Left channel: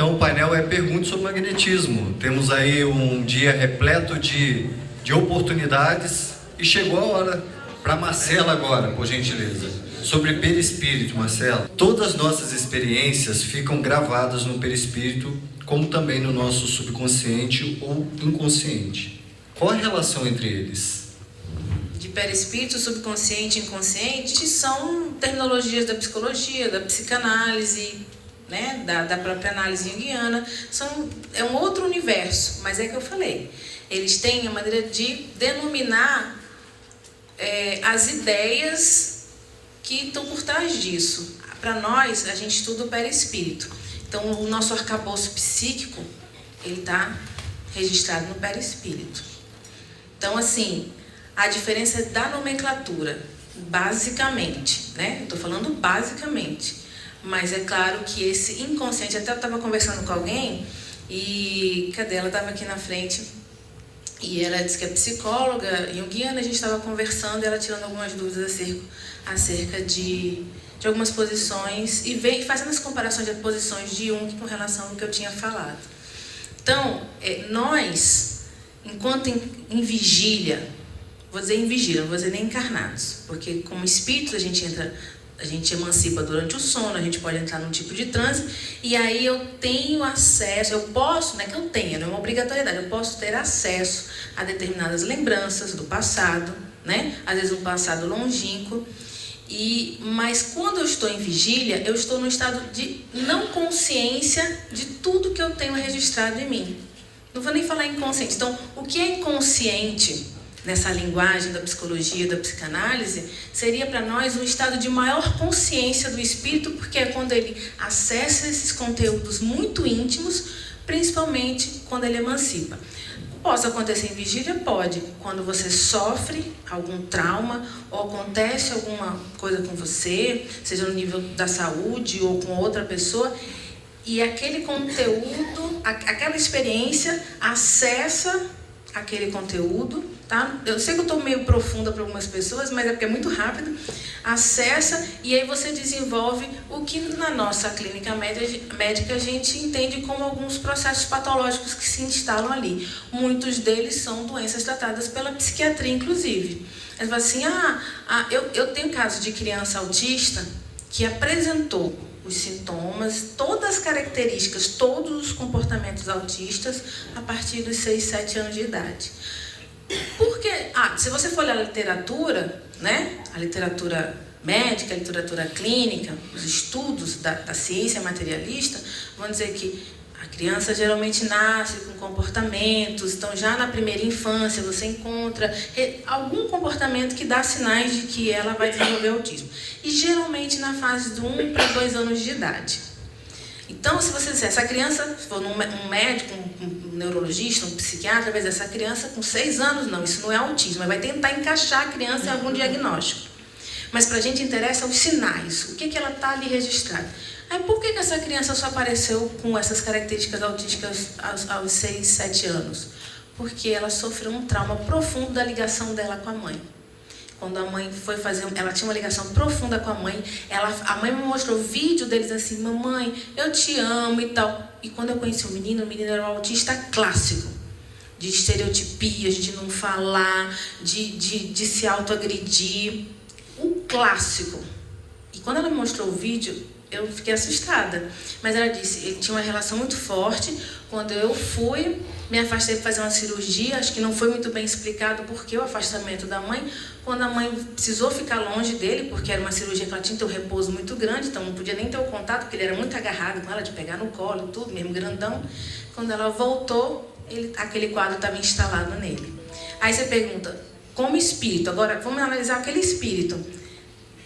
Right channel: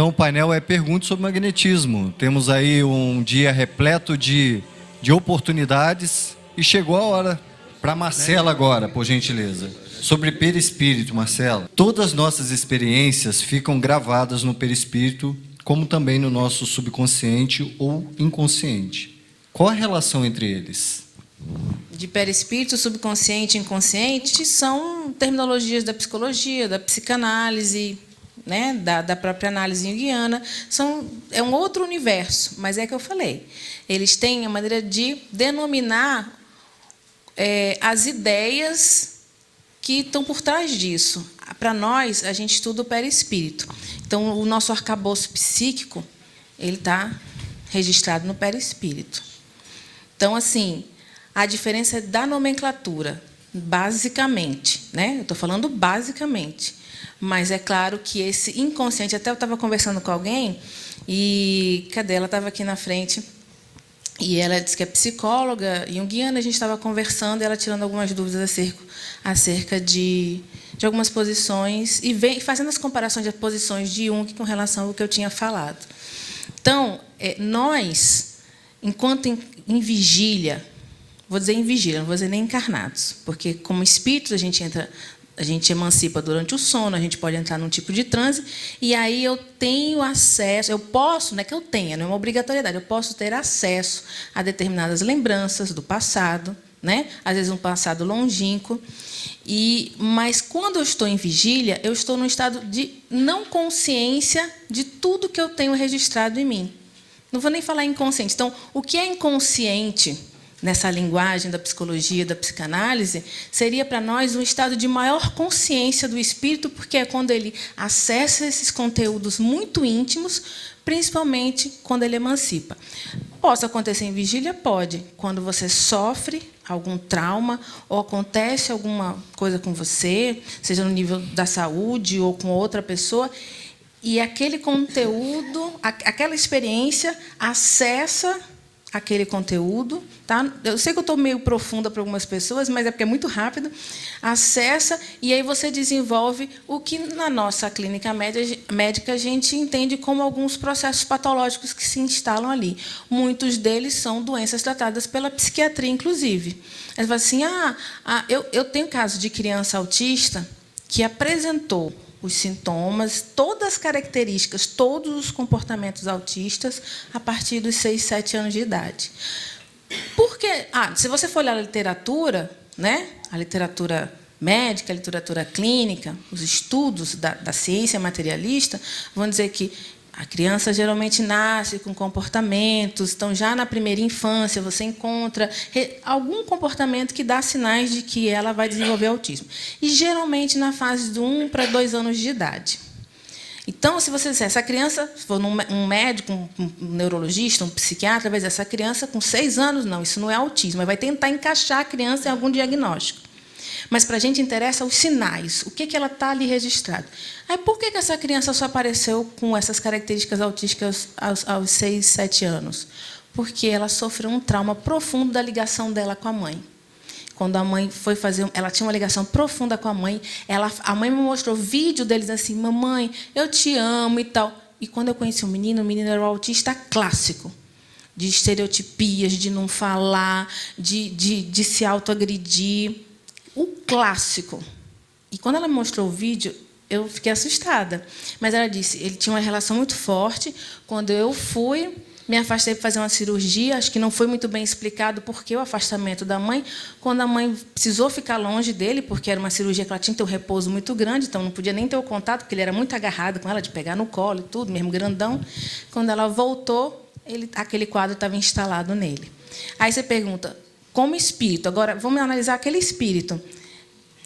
Então o painel é perguntas sobre magnetismo. Temos aí um dia repleto de oportunidades e chegou a hora para Marcela agora, por gentileza. Sobre perispírito, Marcela. Todas as nossas experiências ficam gravadas no perispírito, como também no nosso subconsciente ou inconsciente. Qual a relação entre eles? De perispírito, subconsciente e inconsciente são terminologias da psicologia, da psicanálise, né, da própria análise junguiana. É um outro universo, mas é que eu falei. Eles têm a maneira de denominar as ideias que estão por trás disso. Para nós, a gente estuda o perispírito. Então, o nosso arcabouço psíquico, ele está registrado no perispírito. Então, assim, a diferença é da nomenclatura, basicamente, né? Eu estou falando basicamente. Mas é claro que esse inconsciente... Até eu estava conversando com alguém e... Cadê? Ela estava aqui na frente e ela disse que é psicóloga junguiana. A gente estava conversando e ela tirando algumas dúvidas acerca de algumas posições e fazendo as comparações de posições de Jung com relação ao que eu tinha falado. Então, nós, enquanto em vigília... Vou dizer em vigília, não vou dizer nem encarnados, porque como espírito a gente emancipa durante o sono, a gente pode entrar num tipo de transe, e aí eu tenho acesso, eu posso, não é que eu tenha, não é uma obrigatoriedade, eu posso ter acesso a determinadas lembranças do passado, né? Às vezes um passado longínquo, mas quando eu estou em vigília, eu estou num estado de não consciência de tudo que eu tenho registrado em mim. Não vou nem falar inconsciente. Então, o que é inconsciente nessa linguagem da psicologia, da psicanálise, seria para nós um estado de maior consciência do espírito, porque é quando ele acessa esses conteúdos muito íntimos, principalmente quando ele emancipa. Pode acontecer em vigília? Pode. Quando você sofre algum trauma ou acontece alguma coisa com você, seja no nível da saúde ou com outra pessoa, e aquele conteúdo, aquela experiência acessa aquele conteúdo, tá? Eu sei que eu estou meio profunda para algumas pessoas, mas é porque é muito rápido. Acessa e aí você desenvolve o que na nossa clínica médica a gente entende como alguns processos patológicos que se instalam ali. Muitos deles são doenças tratadas pela psiquiatria, inclusive. Eles falam assim, eu tenho caso de criança autista que apresentou os sintomas, todas as características, todos os comportamentos autistas a partir dos 6, 7 anos de idade. Porque, se você for olhar a literatura, né, a literatura médica, a literatura clínica, os estudos da ciência materialista, vão dizer que a criança geralmente nasce com comportamentos, então já na primeira infância você encontra algum comportamento que dá sinais de que ela vai desenvolver autismo. E geralmente na fase de 1 para 2 anos de idade. Então, se você disser, essa criança, se for um médico, um neurologista, um psiquiatra, vai dizer, essa criança com 6 anos, não, isso não é autismo, vai tentar encaixar a criança em algum diagnóstico. Mas para a gente interessa os sinais, o que ela está ali registrado. Aí, por que essa criança só apareceu com essas características autísticas aos 6, 7 anos? Porque ela sofreu um trauma profundo da ligação dela com a mãe. Quando a mãe foi fazer... Ela tinha uma ligação profunda com a mãe. A mãe me mostrou vídeo deles assim, mamãe, eu te amo e tal. E quando eu conheci o menino era um autista clássico. De estereotipias, de não falar, de se autoagredir. O clássico. E quando ela me mostrou o vídeo, eu fiquei assustada. Mas ela disse, ele tinha uma relação muito forte. Quando eu fui, me afastei para fazer uma cirurgia, acho que não foi muito bem explicado por que o afastamento da mãe. Quando a mãe precisou ficar longe dele, porque era uma cirurgia que ela tinha que ter um repouso muito grande, então não podia nem ter o contato, porque ele era muito agarrado com ela, de pegar no colo e tudo, mesmo grandão. Quando ela voltou, aquele quadro estava instalado nele. Aí você pergunta, como espírito, agora vamos analisar aquele espírito.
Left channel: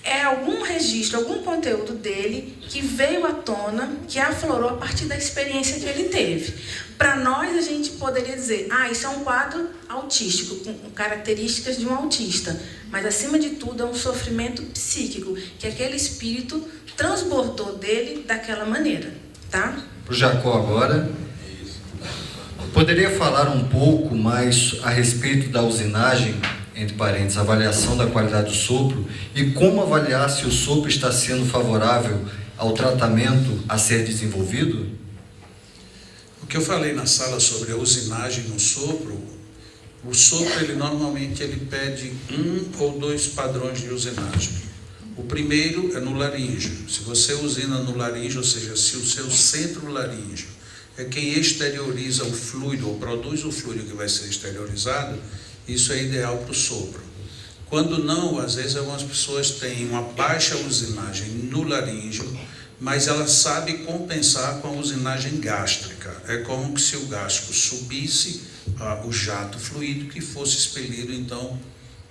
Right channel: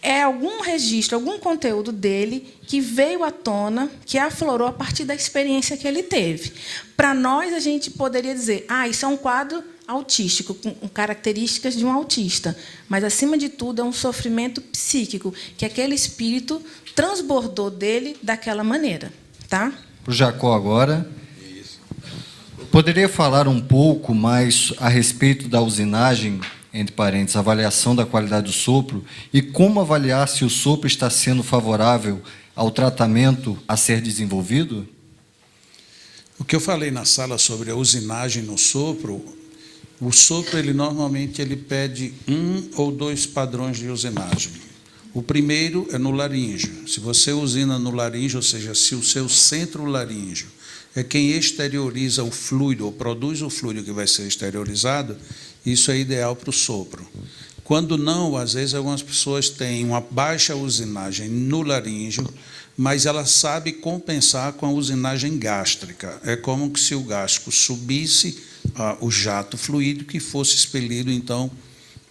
É algum registro, algum conteúdo dele que veio à tona, que aflorou a partir da experiência que ele teve. Para nós, a gente poderia dizer, isso é um quadro autístico, com características de um autista. Mas, acima de tudo, é um sofrimento psíquico, que aquele espírito transbordou dele daquela maneira. Tá? Para o Jacó agora. Poderia falar um pouco mais a respeito da usinagem, entre parênteses, avaliação da qualidade do sopro, e como avaliar se o sopro está sendo favorável ao tratamento a ser desenvolvido? O que eu falei na sala sobre a usinagem no sopro, o sopro normalmente ele pede 1 ou 2 padrões de usinagem. O primeiro é no laríngeo. Se você usina no laríngeo, ou seja, se o seu centro laríngeo é quem exterioriza o fluido, ou produz o fluido que vai ser exteriorizado, isso é ideal para o sopro. Quando não, às vezes algumas pessoas têm uma baixa usinagem no laríngeo, mas ela sabe compensar com a usinagem gástrica. É como se o gástrico subisse o jato fluídico que fosse expelido, então,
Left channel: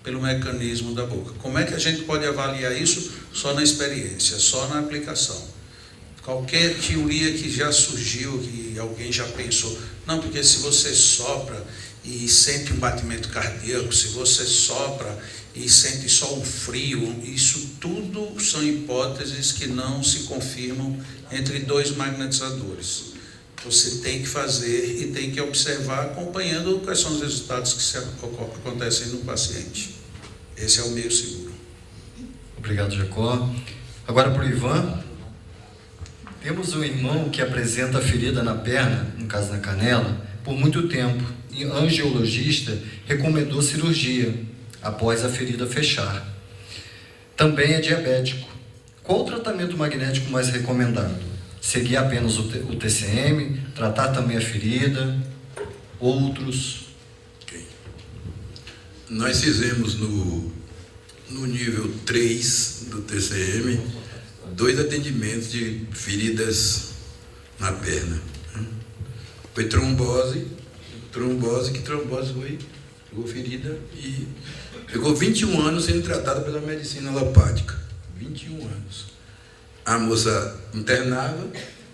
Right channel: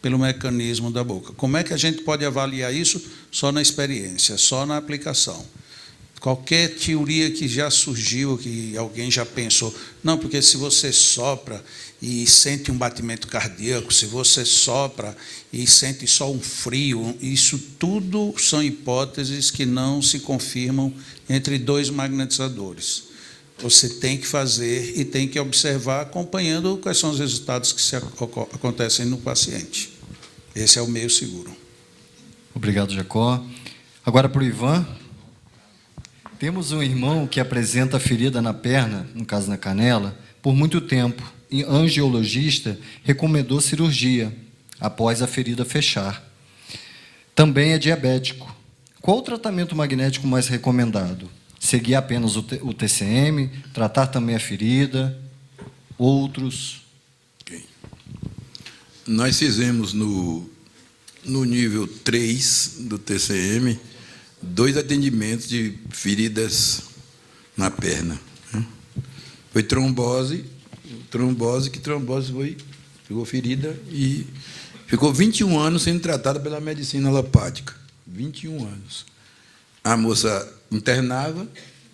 pelo mecanismo da boca. Como é que a gente pode avaliar isso? Só na experiência, só na aplicação. Qualquer teoria que já surgiu, que alguém já pensou, não, porque se você sopra e sente um batimento cardíaco, se você sopra e sente só um frio, isso tudo são hipóteses que não se confirmam entre 2 magnetizadores. Você tem que fazer e tem que observar acompanhando quais são os resultados que acontecem no paciente. Esse é o meio seguro. Obrigado, Jacó. Agora para o Ivan. Temos um irmão que apresenta ferida na perna, no caso na canela, por muito tempo. E o angiologista recomendou cirurgia após a ferida fechar. Também é diabético. Qual o tratamento magnético mais recomendado? Seguir apenas o TCM, tratar também a ferida, outros? Okay. Nós fizemos no nível 3 do TCM 2 atendimentos de feridas na perna. Foi trombose foi, ficou ferida e ficou 21 anos sendo tratada pela medicina alopática. 21 anos. A moça internava,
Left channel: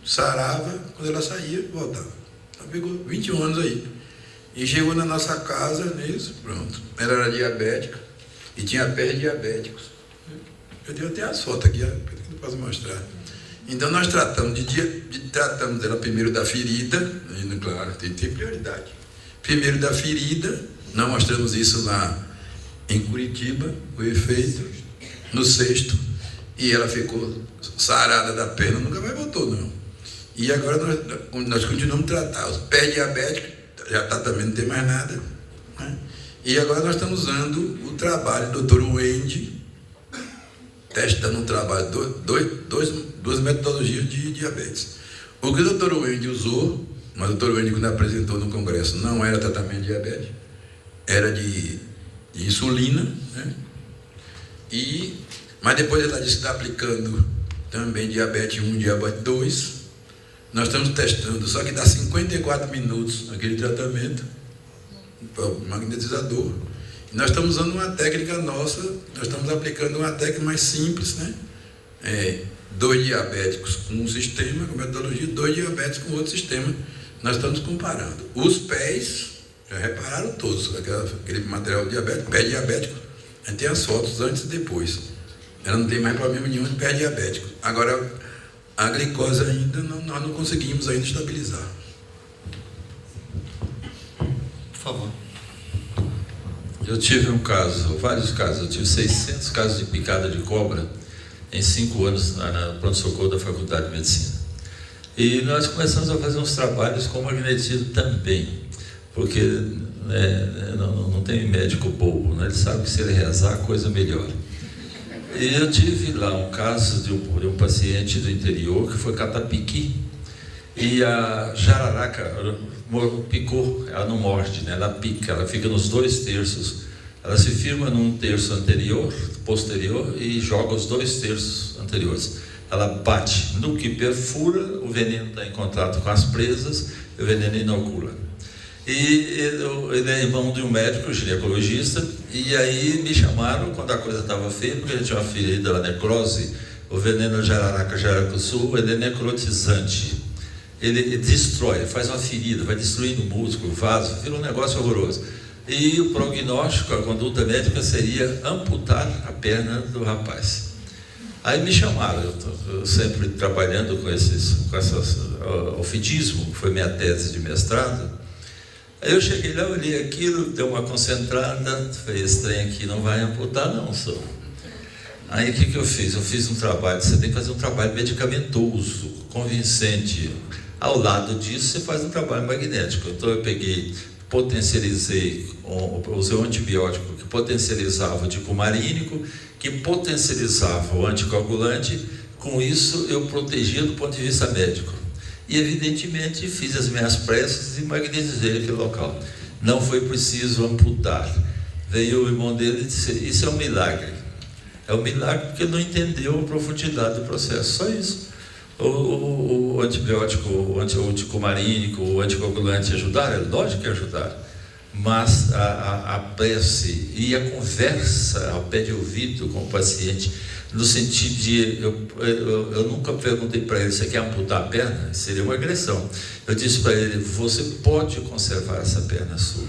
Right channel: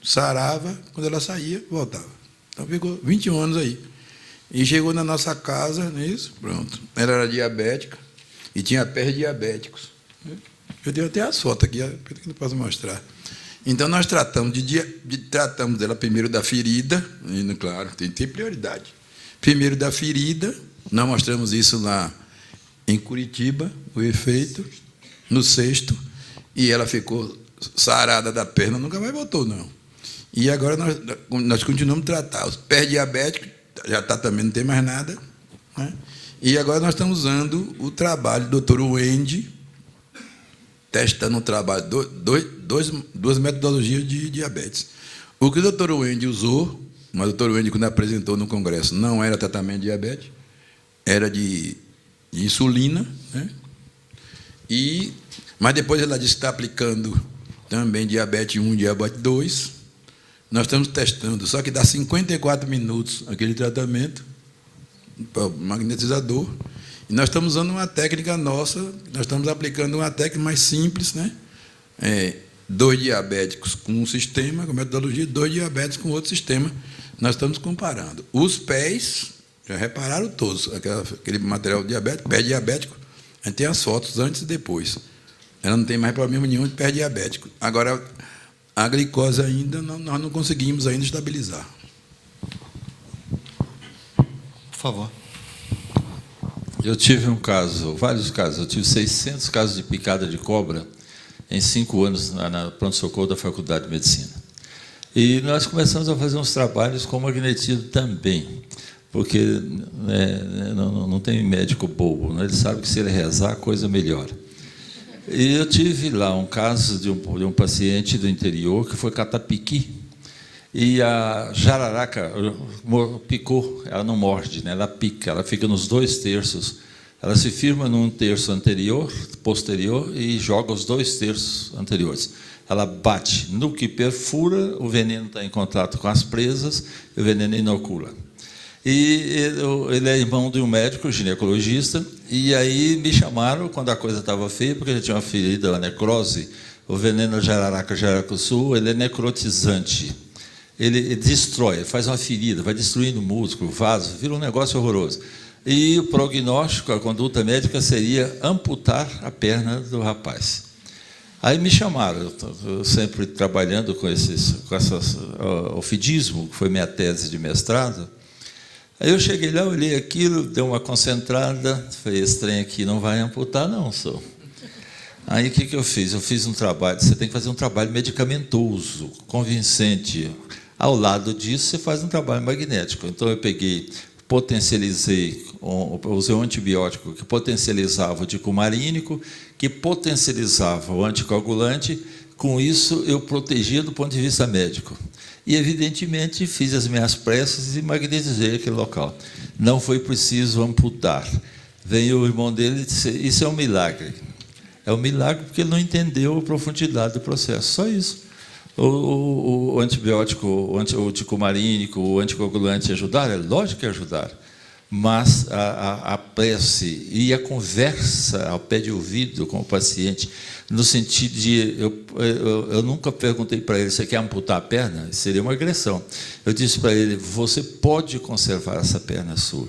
sarava, quando ela saía, voltava. Então ficou 21 anos aí. E chegou na nossa casa, nisso, pronto. Ela era diabética e tinha pés diabéticos. Eu tenho até as fotos aqui, que eu não posso mostrar. Então nós tratamos dela primeiro da ferida, e claro, tem que ter prioridade. Primeiro da ferida, nós mostramos isso lá em Curitiba, o efeito, no 6º, e ela ficou sarada da perna, nunca mais voltou, não. E agora nós continuamos a tratar os pés diabéticos, já está também, não tem mais nada, né? E agora nós estamos usando o trabalho do Dr. Wendy, testando o trabalho, duas metodologias de diabetes. O que o Dr. Wendy usou, mas o Dr. Wendy, quando apresentou no congresso, não era tratamento de diabetes, era de insulina, né? Mas depois ela disse que está aplicando também diabetes 1, diabetes 2. Nós estamos testando, só que dá 54 minutos aquele tratamento, o magnetizador. E nós estamos usando uma técnica nossa, nós estamos aplicando uma técnica mais simples, né? 2 diabéticos com um sistema, com metodologia, 2 diabéticos com outro sistema. Nós estamos comparando. Os pés, já repararam todos, aquele material diabético, pé diabético, a gente tem as fotos antes e depois. Ela não tem mais problema nenhum de pé diabético. Agora, a glicose ainda, nós não conseguimos ainda estabilizar. Por favor. Eu tive vários casos, eu tive 600 casos de picada de cobra em 5 anos na pronto-socorro da Faculdade de Medicina. E nós começamos a fazer uns trabalhos com magnetismo também, porque não tem médico bobo, né? Ele sabe que se ele rezar, a coisa melhora. E eu tive lá um caso de um paciente do interior que foi catapiqui, e a jararaca picou, ela não morde, né? Ela pica, ela fica nos 2 terços, ela se firma num terço posterior e joga os 2 terços anteriores. Ela bate no que perfura, o veneno está em contato com as presas e o veneno inocula. E ele é irmão de um médico ginecologista, e aí me chamaram quando a coisa estava feia, porque ele tinha uma ferida, a necrose. O veneno jararaca jaracuçu, ele é necrotizante. Ele destrói, faz uma ferida, vai destruindo o músculo, o vaso, vira um negócio horroroso. E o prognóstico, a conduta médica seria amputar a perna do rapaz. Aí me chamaram, eu sempre trabalhando com ofidismo, que foi minha tese de mestrado. Aí eu cheguei lá, olhei aquilo, dei uma concentrada, falei, esse trem aqui não vai amputar não, senhor. Aí o que eu fiz? Eu fiz um trabalho, você tem que fazer um trabalho medicamentoso, convincente. Ao lado disso, você faz um trabalho magnético. Então, eu peguei, potencializei, usei um antibiótico que potencializava o dicumarínico, que potencializava o anticoagulante. Com isso, eu protegia do ponto de vista médico. E, evidentemente, fiz as minhas preces e magnetizei aquele local. Não foi preciso amputar. Veio o irmão dele e disse: isso é um milagre. É um milagre porque não entendeu a profundidade do processo. Só isso. O antibiótico, o dicumarínico, o anticoagulante ajudar? É lógico que ajudar. Mas a prece e a conversa ao pé de ouvido com o paciente, no sentido de... Eu nunca perguntei para ele: você quer amputar a perna? Seria uma agressão. Eu disse para ele: você pode conservar essa perna sua.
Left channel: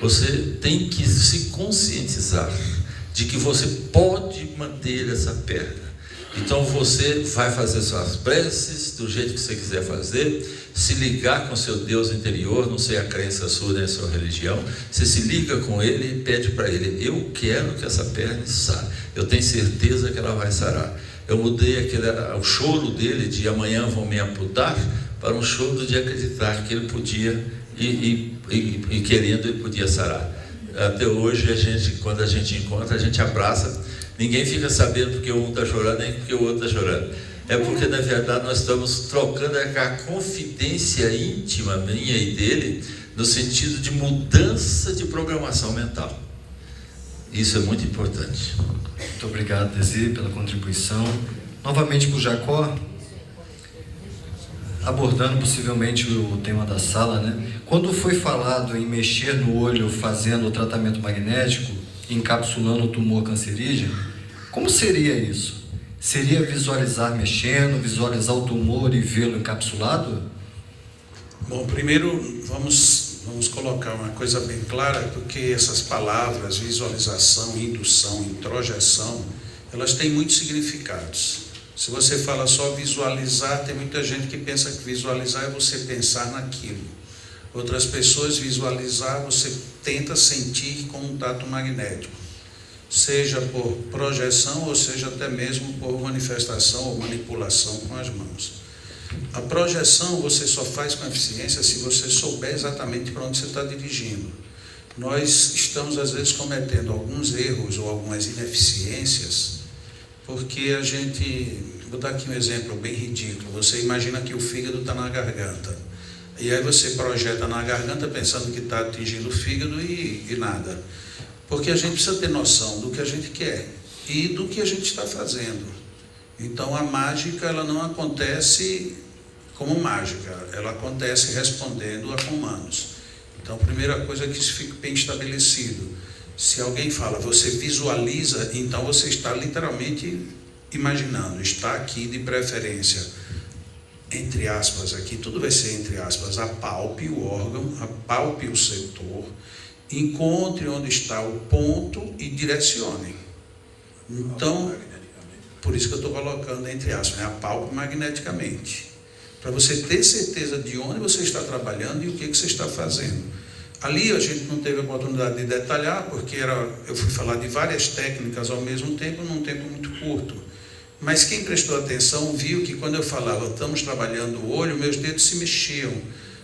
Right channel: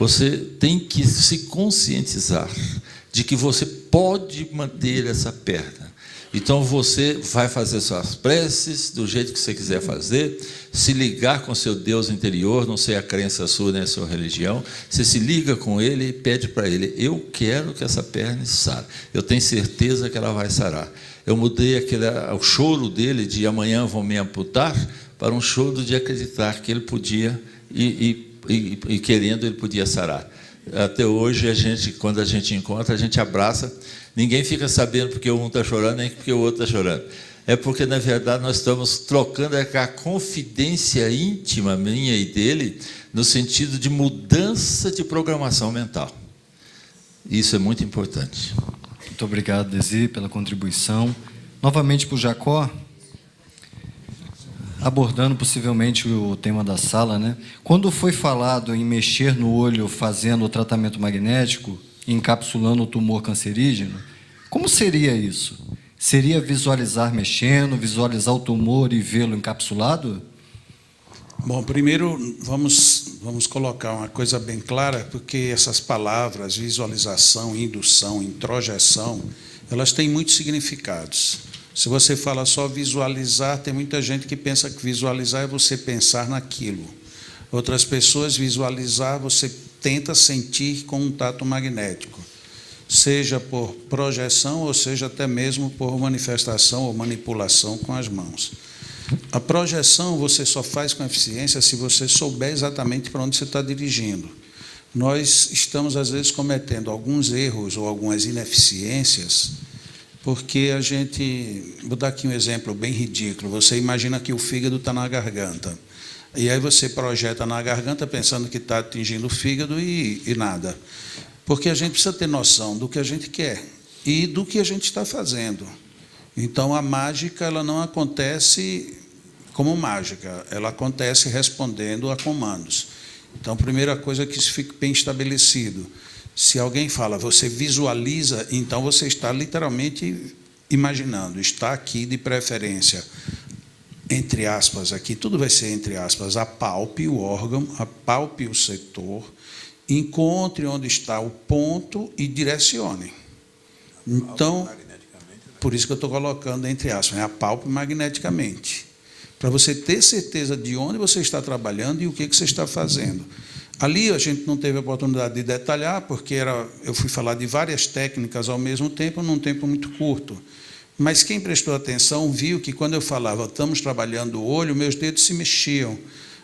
Você tem que se conscientizar de que você pode manter essa perna. Então você vai fazer suas preces do jeito que você quiser fazer, se ligar com seu Deus interior, não sei a crença sua nem a sua religião, você se liga com ele e pede para ele: eu quero que essa perna sare, eu tenho certeza que ela vai sarar. Eu mudei o choro dele de amanhã vão me amputar para um choro de acreditar que ele podia e querendo ele podia sarar. Até hoje, quando a gente encontra, a gente abraça. Ninguém fica sabendo porque um está chorando, nem porque o outro está chorando. É porque, na verdade, nós estamos trocando a confidência íntima minha e dele, no sentido de mudança de programação mental. Isso é muito importante. Muito obrigado, Desi, pela contribuição. Novamente para o Jacó, abordando possivelmente o tema da sala, né? Quando foi falado em mexer no olho fazendo o tratamento magnético, encapsulando o tumor cancerígeno, como seria isso? Seria visualizar mexendo, visualizar o tumor e vê-lo encapsulado? Bom, primeiro vamos colocar uma coisa bem clara, porque essas palavras, visualização, indução, introjeção, elas têm muitos significados. Se você fala só visualizar, tem muita gente que pensa que visualizar é você pensar naquilo. Outras pessoas, visualizar, você tenta sentir com um tato magnético, seja por projeção ou seja até mesmo por manifestação ou manipulação com as mãos. A projeção você só faz com eficiência se você souber exatamente para onde você está dirigindo. Nós estamos, às vezes, cometendo alguns erros ou algumas ineficiências, porque a gente... Vou dar aqui um exemplo bem ridículo. Você imagina que o fígado está na garganta. E aí você projeta na garganta pensando que está atingindo o fígado e nada. Porque a gente precisa ter noção do que a gente quer e do que a gente está fazendo. Então, a mágica ela não acontece como mágica, ela acontece respondendo a comandos. Então, a primeira coisa é que isso fique bem estabelecido. Se alguém fala, você visualiza, então você está literalmente imaginando, está aqui de preferência, entre aspas aqui, tudo vai ser entre aspas, apalpe o órgão, apalpe o setor, encontre onde está o ponto e direcione. Então, por isso que eu estou colocando entre aspas, apalpe magneticamente, para você ter certeza de onde você está trabalhando e o que você está fazendo. Ali a gente não teve a oportunidade de detalhar, porque eu fui falar de várias técnicas ao mesmo tempo, num tempo muito curto. Mas quem prestou atenção viu que quando eu falava, estamos trabalhando o olho, meus dedos se mexiam.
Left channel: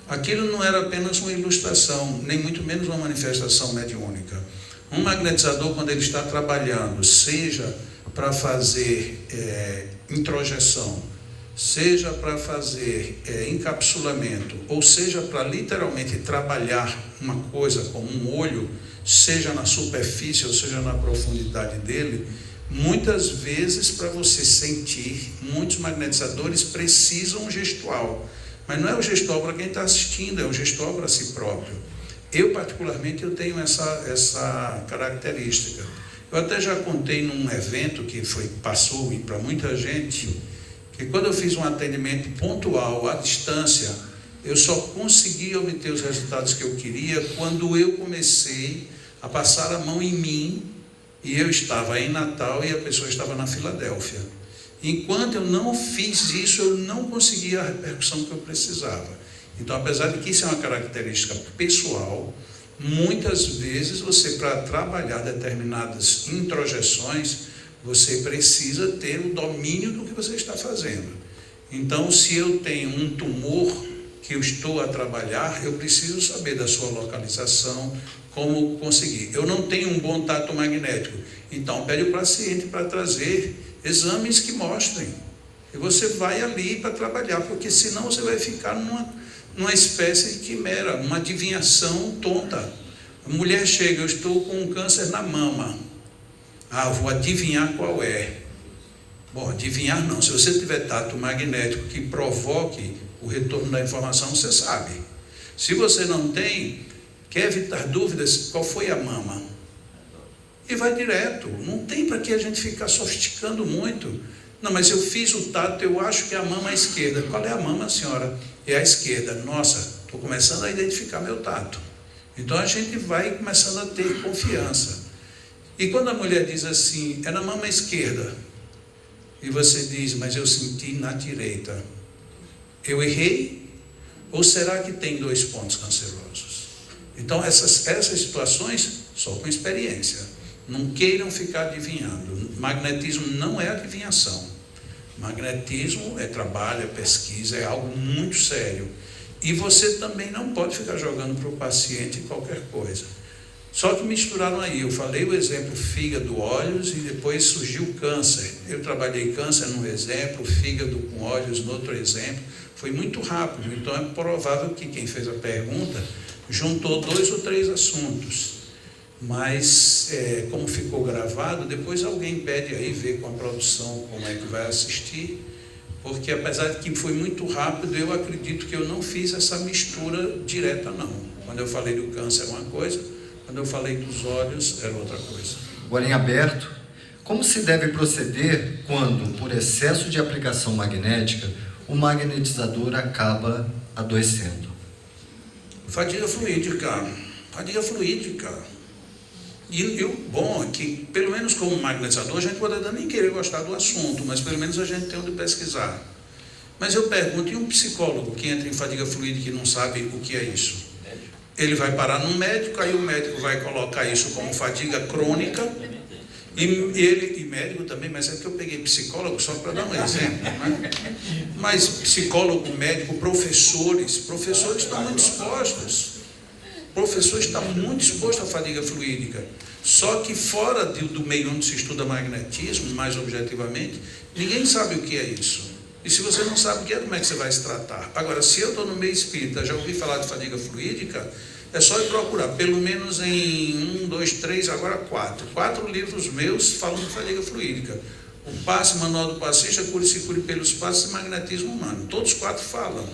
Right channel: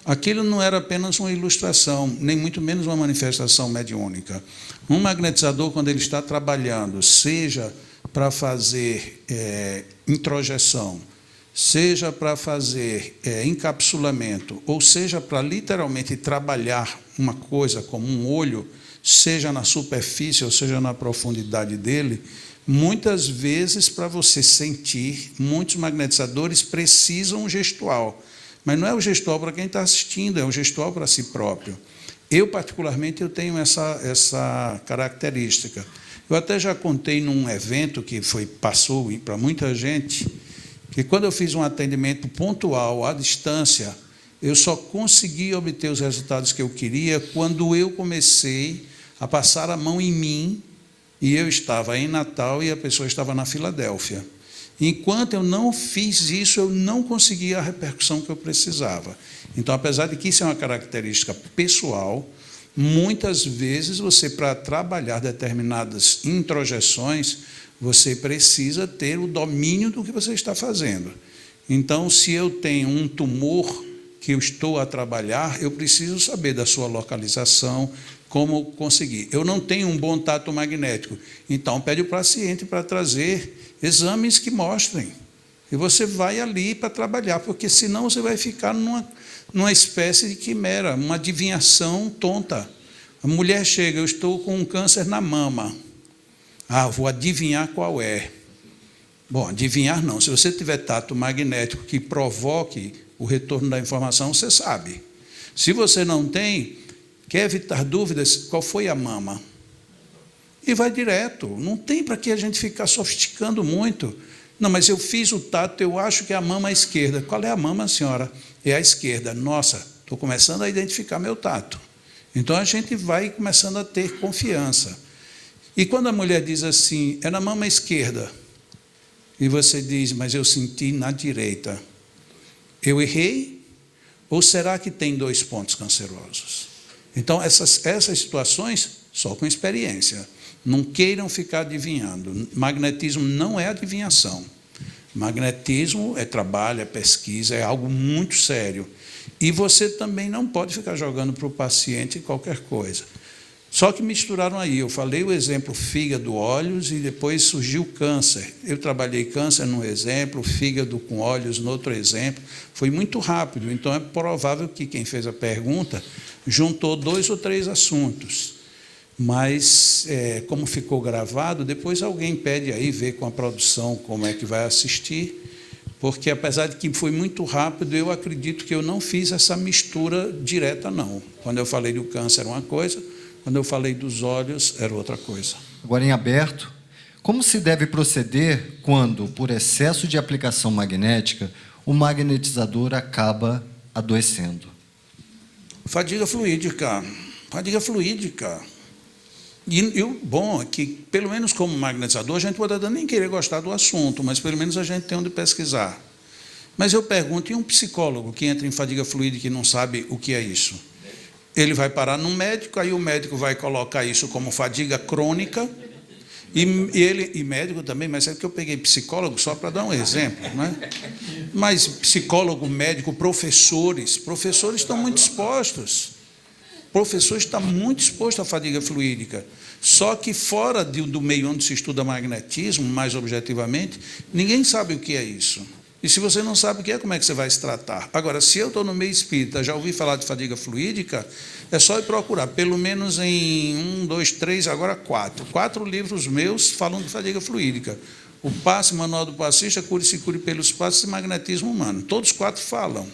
Aquilo não era apenas uma ilustração, nem muito menos uma manifestação mediúnica. Um magnetizador, quando ele está trabalhando, seja para fazer introjeção, seja para fazer encapsulamento, ou seja para literalmente trabalhar uma coisa como um olho, seja na superfície ou seja na profundidade dele, muitas vezes para você sentir, muitos magnetizadores precisam um gestual. Mas não é o gestual para quem está assistindo, é o gestual para si próprio. Eu, particularmente, eu tenho essa característica. Eu até já contei num evento que passou para muita gente, que quando eu fiz um atendimento pontual à distância, eu só consegui obter os resultados que eu queria quando eu comecei a passar a mão em mim e eu estava em Natal e a pessoa estava na Filadélfia. Enquanto eu não fiz isso, eu não conseguia a repercussão que eu precisava. Então, apesar de que isso é uma característica pessoal, muitas vezes você, para trabalhar determinadas introjeções, você precisa ter o domínio do que você está fazendo. Então, se eu tenho um tumor que eu estou a trabalhar, eu preciso saber da sua localização, como conseguir. Eu não tenho um bom tato magnético, então pede o paciente para trazer exames que mostrem. E você vai ali para trabalhar, porque senão você vai ficar numa espécie de quimera, uma adivinhação tonta. A mulher chega, eu estou com um câncer na mama. Ah, vou adivinhar qual é. Bom, adivinhar não. Se você tiver tato magnético que provoque o retorno da informação, você sabe. Se você não tem, quer evitar dúvidas, qual foi a mama? E vai direto. Não tem para que a gente ficar sofisticando muito. Não, mas eu fiz o tato, eu acho que é a mama esquerda. Qual é a mama, senhora? É a esquerda. Nossa, estou começando a identificar meu tato. Então a gente vai começando a ter confiança. E quando a mulher diz assim, é na mama esquerda, e você diz, mas eu senti na direita, eu errei? Ou será que tem 2 pontos cancerosos? Então essas situações, só com experiência. Não queiram ficar adivinhando. Magnetismo não é adivinhação. Magnetismo é trabalho, é pesquisa, é algo muito sério. E você também não pode ficar jogando para o paciente qualquer coisa. Só que misturaram aí. Eu falei o exemplo fígado, olhos, e depois surgiu câncer. Eu trabalhei câncer num exemplo, fígado com olhos no outro exemplo. Foi muito rápido. Então é provável que quem fez a pergunta juntou 2 ou 3 assuntos. Mas, como ficou gravado, depois alguém pede aí, ver com a produção como é que vai assistir, porque apesar de que foi muito rápido, eu acredito que eu não fiz essa mistura direta, não. Quando eu falei do câncer era uma coisa, quando eu falei dos olhos era outra coisa. Agora em aberto, como se deve proceder quando, por excesso de aplicação magnética, o magnetizador acaba adoecendo? Fadiga fluídica. Fadiga fluídica. E o bom é que, pelo menos como magnetizador, a gente pode nem querer gostar do assunto, mas pelo menos a gente tem onde pesquisar. Mas eu pergunto, e um psicólogo que entra em fadiga fluídica e não sabe o que é isso? Ele vai parar num médico, aí o médico vai colocar isso como fadiga crônica, e médico também, mas é que eu peguei psicólogo só para dar um exemplo, né? Mas psicólogo, médico, professores estão muito expostos. O professor está muito exposto à fadiga fluídica. Só que fora do meio onde se estuda magnetismo, mais objetivamente, ninguém sabe o que é isso. E se você não sabe o que é, como é que você vai se tratar? Agora, se eu estou no meio espírita, já ouvi falar de fadiga fluídica, é só ir procurar, pelo menos em 1, 2, 3, agora 4. 4 livros meus falam de fadiga fluídica. O Passe, Manual do Passista, Cure-se Cure pelos Passos e Magnetismo Humano. Todos 4 falam.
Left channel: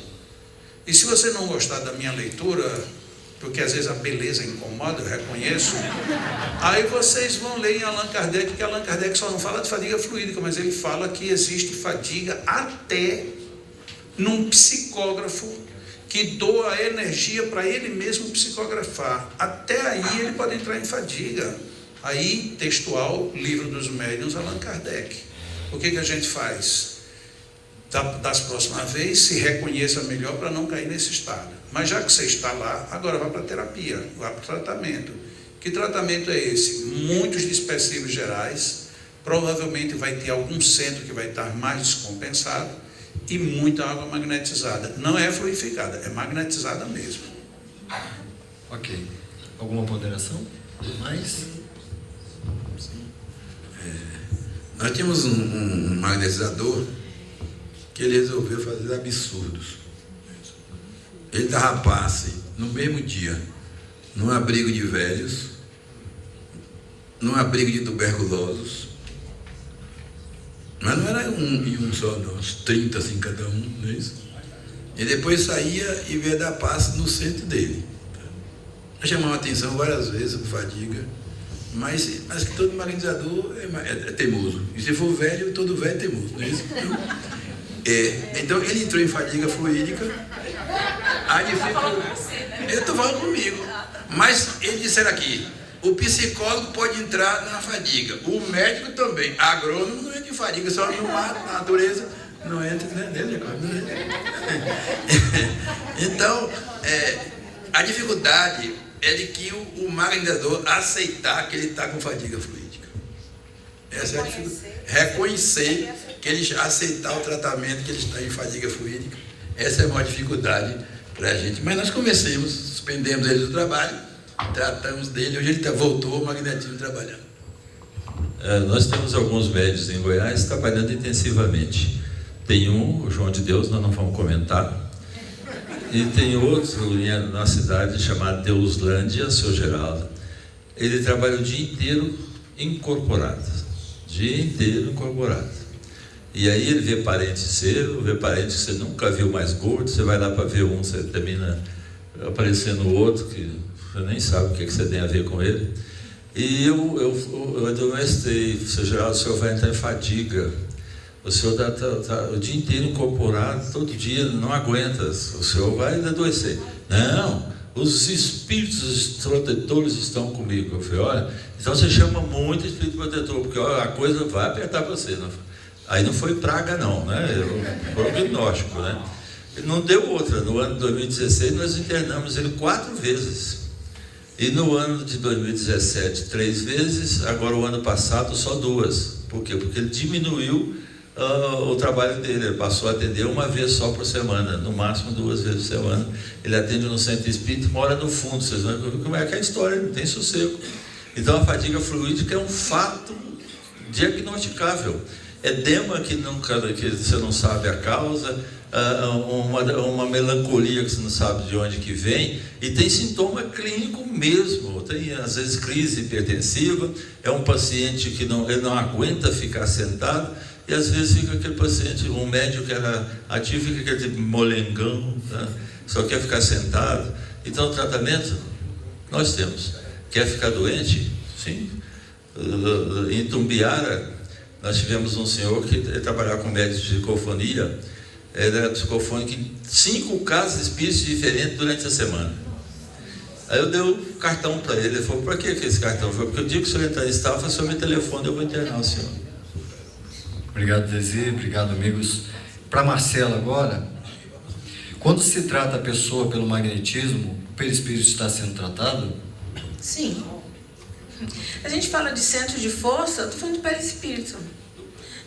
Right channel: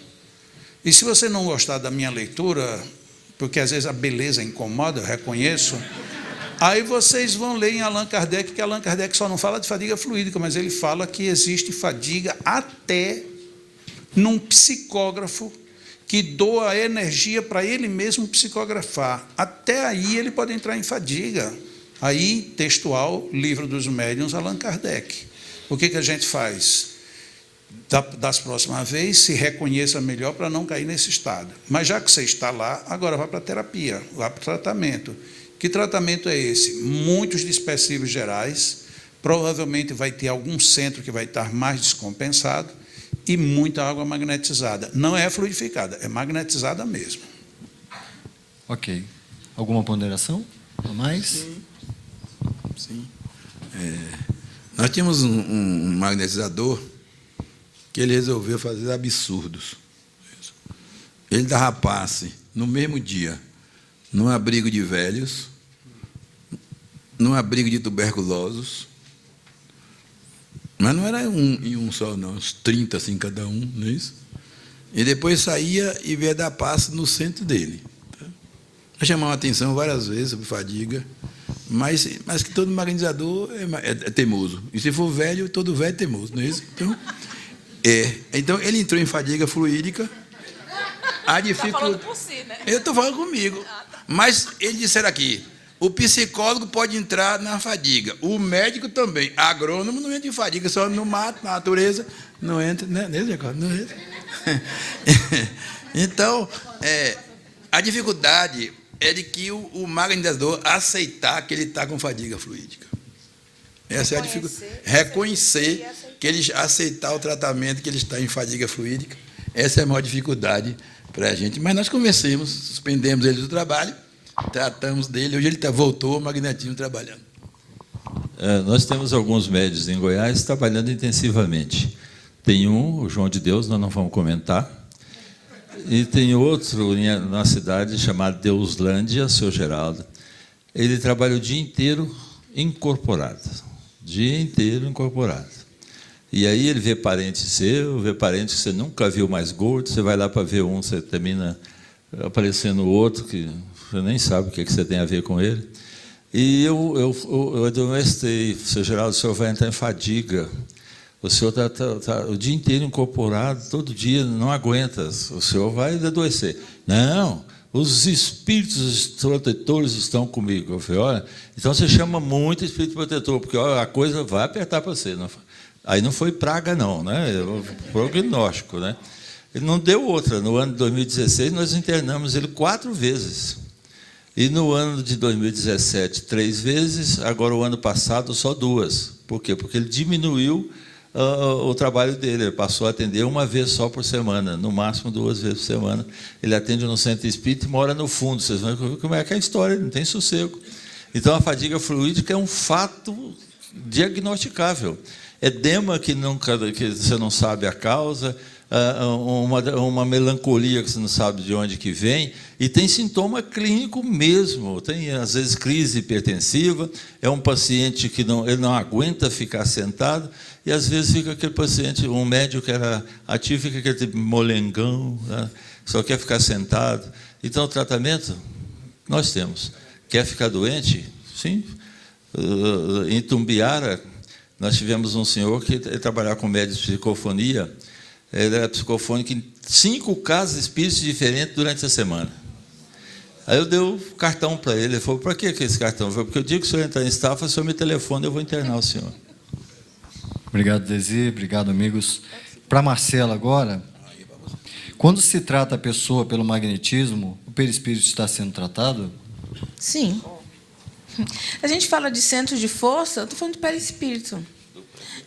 E se você não gostar da minha leitura, porque às vezes a beleza incomoda, eu reconheço, aí vocês vão ler em Allan Kardec, que Allan Kardec só não fala de fadiga fluídica, mas ele fala que existe fadiga até num psicógrafo que doa energia para ele mesmo psicografar. Até aí ele pode entrar em fadiga. Aí, textual, Livro dos Médiuns, Allan Kardec. O que a gente faz? Das próximas vezes, se reconheça melhor para não cair nesse estado. Mas já que você está lá, agora vá para a terapia, vá para o tratamento. Que tratamento é esse? Muitos dispersivos gerais, provavelmente vai ter algum centro que vai estar mais descompensado e muita água magnetizada. Não é fluidificada, é magnetizada mesmo. Ok. Alguma ponderação? Mais? Sim. Nós tínhamos um magnetizador que ele resolveu fazer absurdos. Ele dava passe no mesmo dia, num abrigo de velhos, num abrigo de tuberculosos, mas não era um só, não, uns 30 assim cada um, não é isso? E depois saía e veio dar passe no centro dele. Eu chamava a atenção várias vezes sobre fadiga, mas que todo magnetizador é teimoso. E se for velho, todo velho é teimoso, não é isso? Então ele entrou em fadiga fluídica. Eu estou falando comigo. Mas eles disseram aqui, o psicólogo pode entrar na fadiga, o médico também. Agrônomo não entra em fadiga, só no mato, na natureza, não entra, né? Não entra. Então, a dificuldade é de que o magnetizador aceitar que ele está com fadiga fluídica. Essa é a dificuldade. Reconhecer que ele aceitar o tratamento, que ele está em fadiga fluídica. Essa é a maior dificuldade para a gente. Mas nós convencemos, suspendemos ele do trabalho, tratamos dele, hoje ele voltou o magnetismo trabalhando. Nós temos alguns médios em Goiás trabalhando intensivamente. Tem o João de Deus, nós não vamos comentar. E tem outro na cidade chamado Deuslândia, seu Geraldo. Ele trabalha o dia inteiro incorporado. Dia inteiro incorporado. E aí ele vê parente seu, vê parente que você nunca viu mais gordo, você vai lá para ver um, você termina aparecendo outro, que você nem sabe o que você tem a ver com ele. E eu admoestei, seu Geraldo, o senhor vai entrar em fadiga. O senhor está o dia inteiro incorporado, todo dia, não aguenta, o senhor vai adoecer. Não, os espíritos protetores estão comigo. Eu falei, olha, então você chama muito espírito protetor, porque olha, a coisa vai apertar para você. Não? Aí não foi praga não, né? Foi prognóstico, né? Ele não deu outra. No ano de 2016 nós internamos ele 4 vezes. E no ano de 2017, 3 vezes, agora o ano passado só 2. Por quê? Porque ele diminuiu o trabalho dele, ele passou a atender 1 vez só por semana, no máximo 2 vezes por semana. Ele atende no centro espírita e mora no fundo. Vocês vão ver como é que é a história, não tem sossego. Então a fadiga fluídica é um fato diagnosticável. Edema que você não sabe a causa, uma melancolia que você não sabe de onde que vem, e tem sintoma clínico mesmo, tem às vezes crise hipertensiva, é um paciente que ele não aguenta ficar sentado, e às vezes fica aquele paciente, um médico que era ativo, fica aquele tipo molengão, né? Só quer ficar sentado. Então o tratamento nós temos. Quer ficar doente? Sim. Em Tumbiara, nós tivemos um senhor que trabalhava com médico de psicofonia. Ele era psicofônico em 5 casas espíritas diferentes durante a semana. Aí eu dei o cartão para ele. Ele falou, para que esse cartão? Eu falei, porque o dia que o senhor entrar em estado, o senhor me telefone, eu vou internar o senhor. Obrigado, Desi. Obrigado, amigos. Para Marcela agora, quando se trata a pessoa pelo magnetismo, o perispírito está sendo tratado? Sim. A gente fala de centros de força, eu estou falando de perispírito.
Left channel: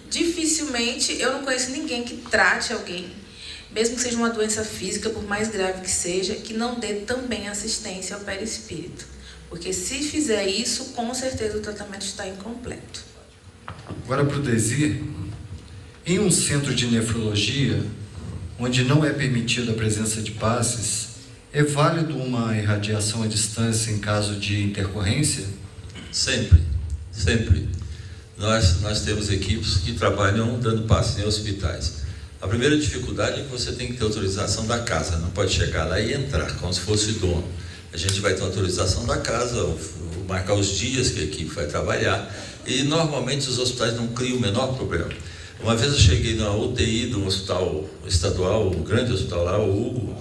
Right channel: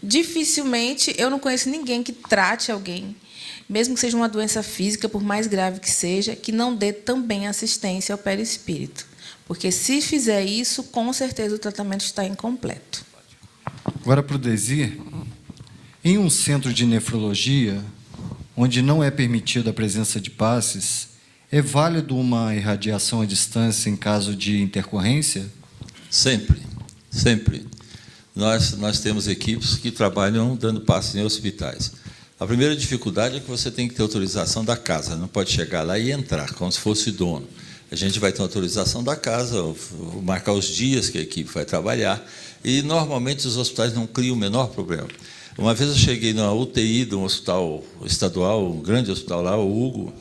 Dificilmente, eu não conheço ninguém que trate alguém, mesmo que seja uma doença física, por mais grave que seja, que não dê também assistência ao perispírito. Porque se fizer isso, com certeza o tratamento está incompleto. Agora para o Desi, em um centro de nefrologia, onde não é permitida a presença de passes, é válido uma irradiação à distância em caso de intercorrência? Sempre, sempre. Nós temos equipes que trabalham dando passes em hospitais. A primeira dificuldade é que você tem que ter autorização da casa, não pode chegar lá e entrar, como se fosse dono. A gente vai ter autorização da casa, marcar os dias que a equipe vai trabalhar, e normalmente os hospitais não criam o menor problema. Uma vez eu cheguei na UTI de um hospital estadual, um grande hospital lá, o Hugo,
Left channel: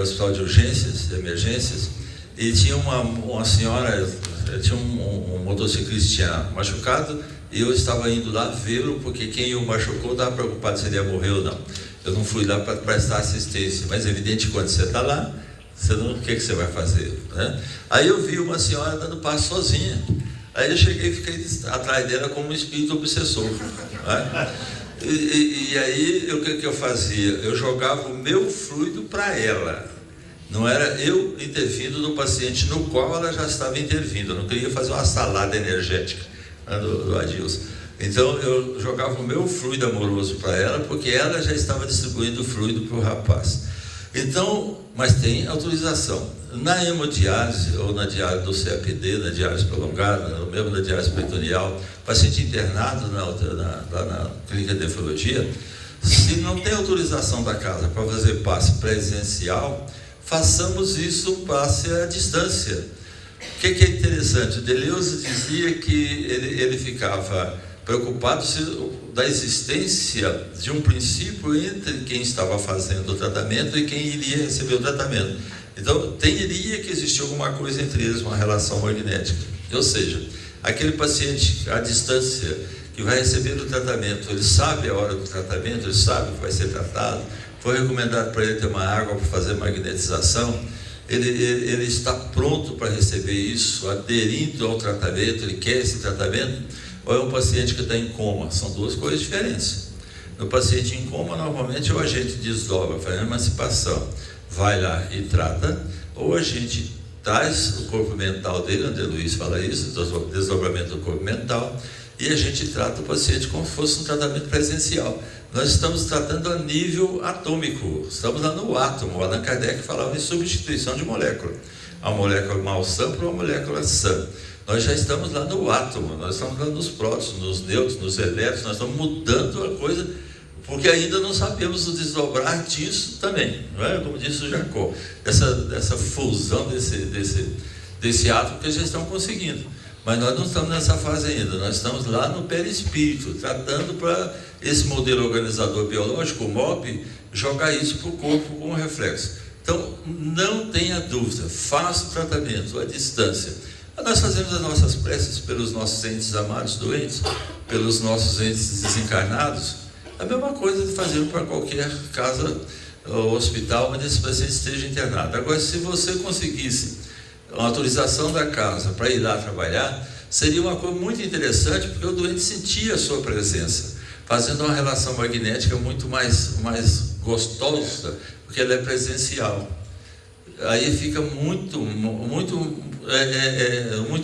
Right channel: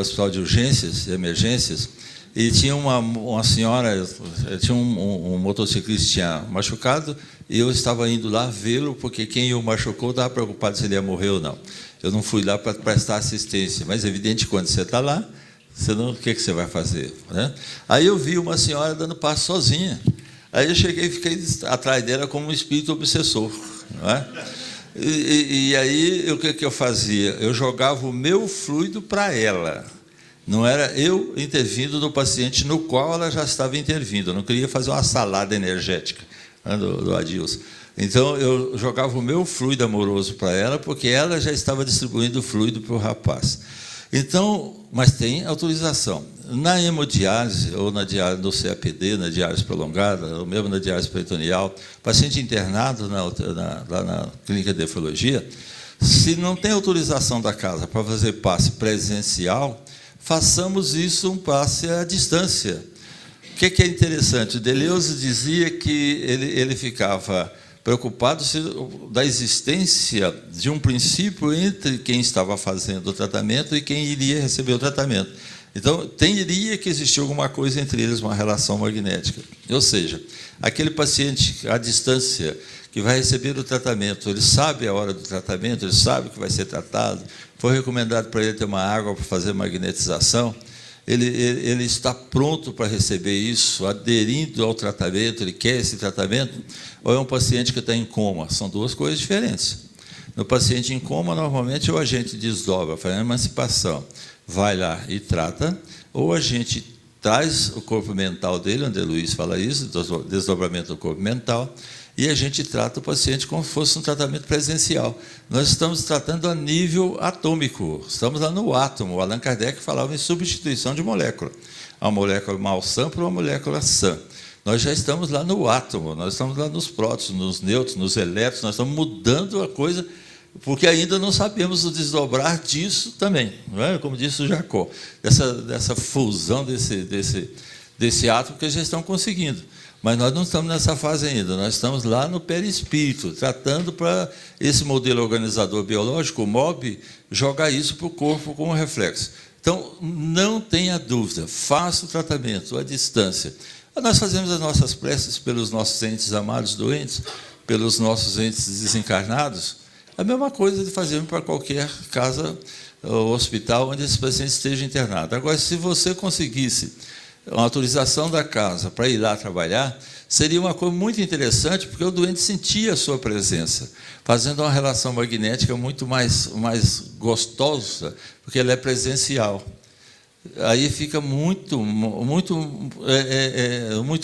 hospital de urgências e emergências, e tinha uma senhora, tinha um motociclista que tinha machucado, e eu estava indo lá vê-lo, porque quem o machucou estava preocupado se ele ia morrer ou não. Eu não fui lá para prestar assistência, mas é evidente que quando você está lá, o que você vai fazer? Né? Aí eu vi uma senhora dando passo sozinha. Aí eu cheguei e fiquei atrás dela como um espírito obsessor. Né? E aí, o que eu fazia? Eu jogava o meu fluido para ela. Não era eu intervindo no paciente no qual ela já estava intervindo. Eu não queria fazer uma salada energética, né, do Adilson. Então, eu jogava o meu fluido amoroso para ela, porque ela já estava distribuindo o fluido para o rapaz. Então, mas tem autorização. Na hemodiálise, ou na diálise do CAPD, na diálise prolongada, ou mesmo na diálise peritoneal, paciente internado lá na clínica de nefrologia, se não tem autorização da casa para fazer passe presencial, façamos isso um passe à distância. O que é interessante? O Deleuze dizia que ele ficava preocupado da existência de um princípio entre quem estava fazendo o tratamento e quem iria receber o tratamento. Então, teria que existir alguma coisa entre eles, uma relação magnética. Ou seja, aquele paciente à distância que vai receber o tratamento, ele sabe a hora do tratamento, ele sabe que vai ser tratado, foi recomendado para ele ter uma água para fazer magnetização, ele está pronto para receber isso, aderindo ao tratamento, ele quer esse tratamento. ou é um paciente que está em coma? São duas coisas diferentes. No paciente em coma, normalmente, ou a gente desdobra, faz a emancipação, vai lá e trata, ou a gente traz o corpo mental dele, André Luiz fala isso, desdobramento do corpo mental, e a gente trata o paciente como se fosse um tratamento presencial. Nós estamos tratando a nível atômico, estamos lá no átomo. O Allan Kardec falava em substituição de molécula. Uma molécula mal sã por uma molécula sã. Nós já estamos lá no átomo, nós estamos lá nos prótons, nos nêutrons, nos elétrons, nós estamos mudando a coisa, porque ainda não sabemos o desdobrar disso também, não é? Como disse o Jacó, dessa fusão desse átomo que eles já estão conseguindo. Mas nós não estamos nessa fase ainda, nós estamos lá no perispírito, tratando para esse modelo organizador biológico, o MOB, jogar isso para o corpo como reflexo. Então, não tenha dúvida, faça o tratamento à distância. Nós fazemos as nossas preces pelos nossos entes amados doentes, pelos nossos entes desencarnados. A mesma coisa de fazermos para qualquer casa ou hospital onde esse paciente esteja internado. Agora, se você conseguisse uma autorização da casa para ir lá trabalhar, seria uma coisa muito interessante, porque o doente sentia a sua presença, fazendo uma relação magnética muito mais gostosa, porque ela é presencial. Aí fica muito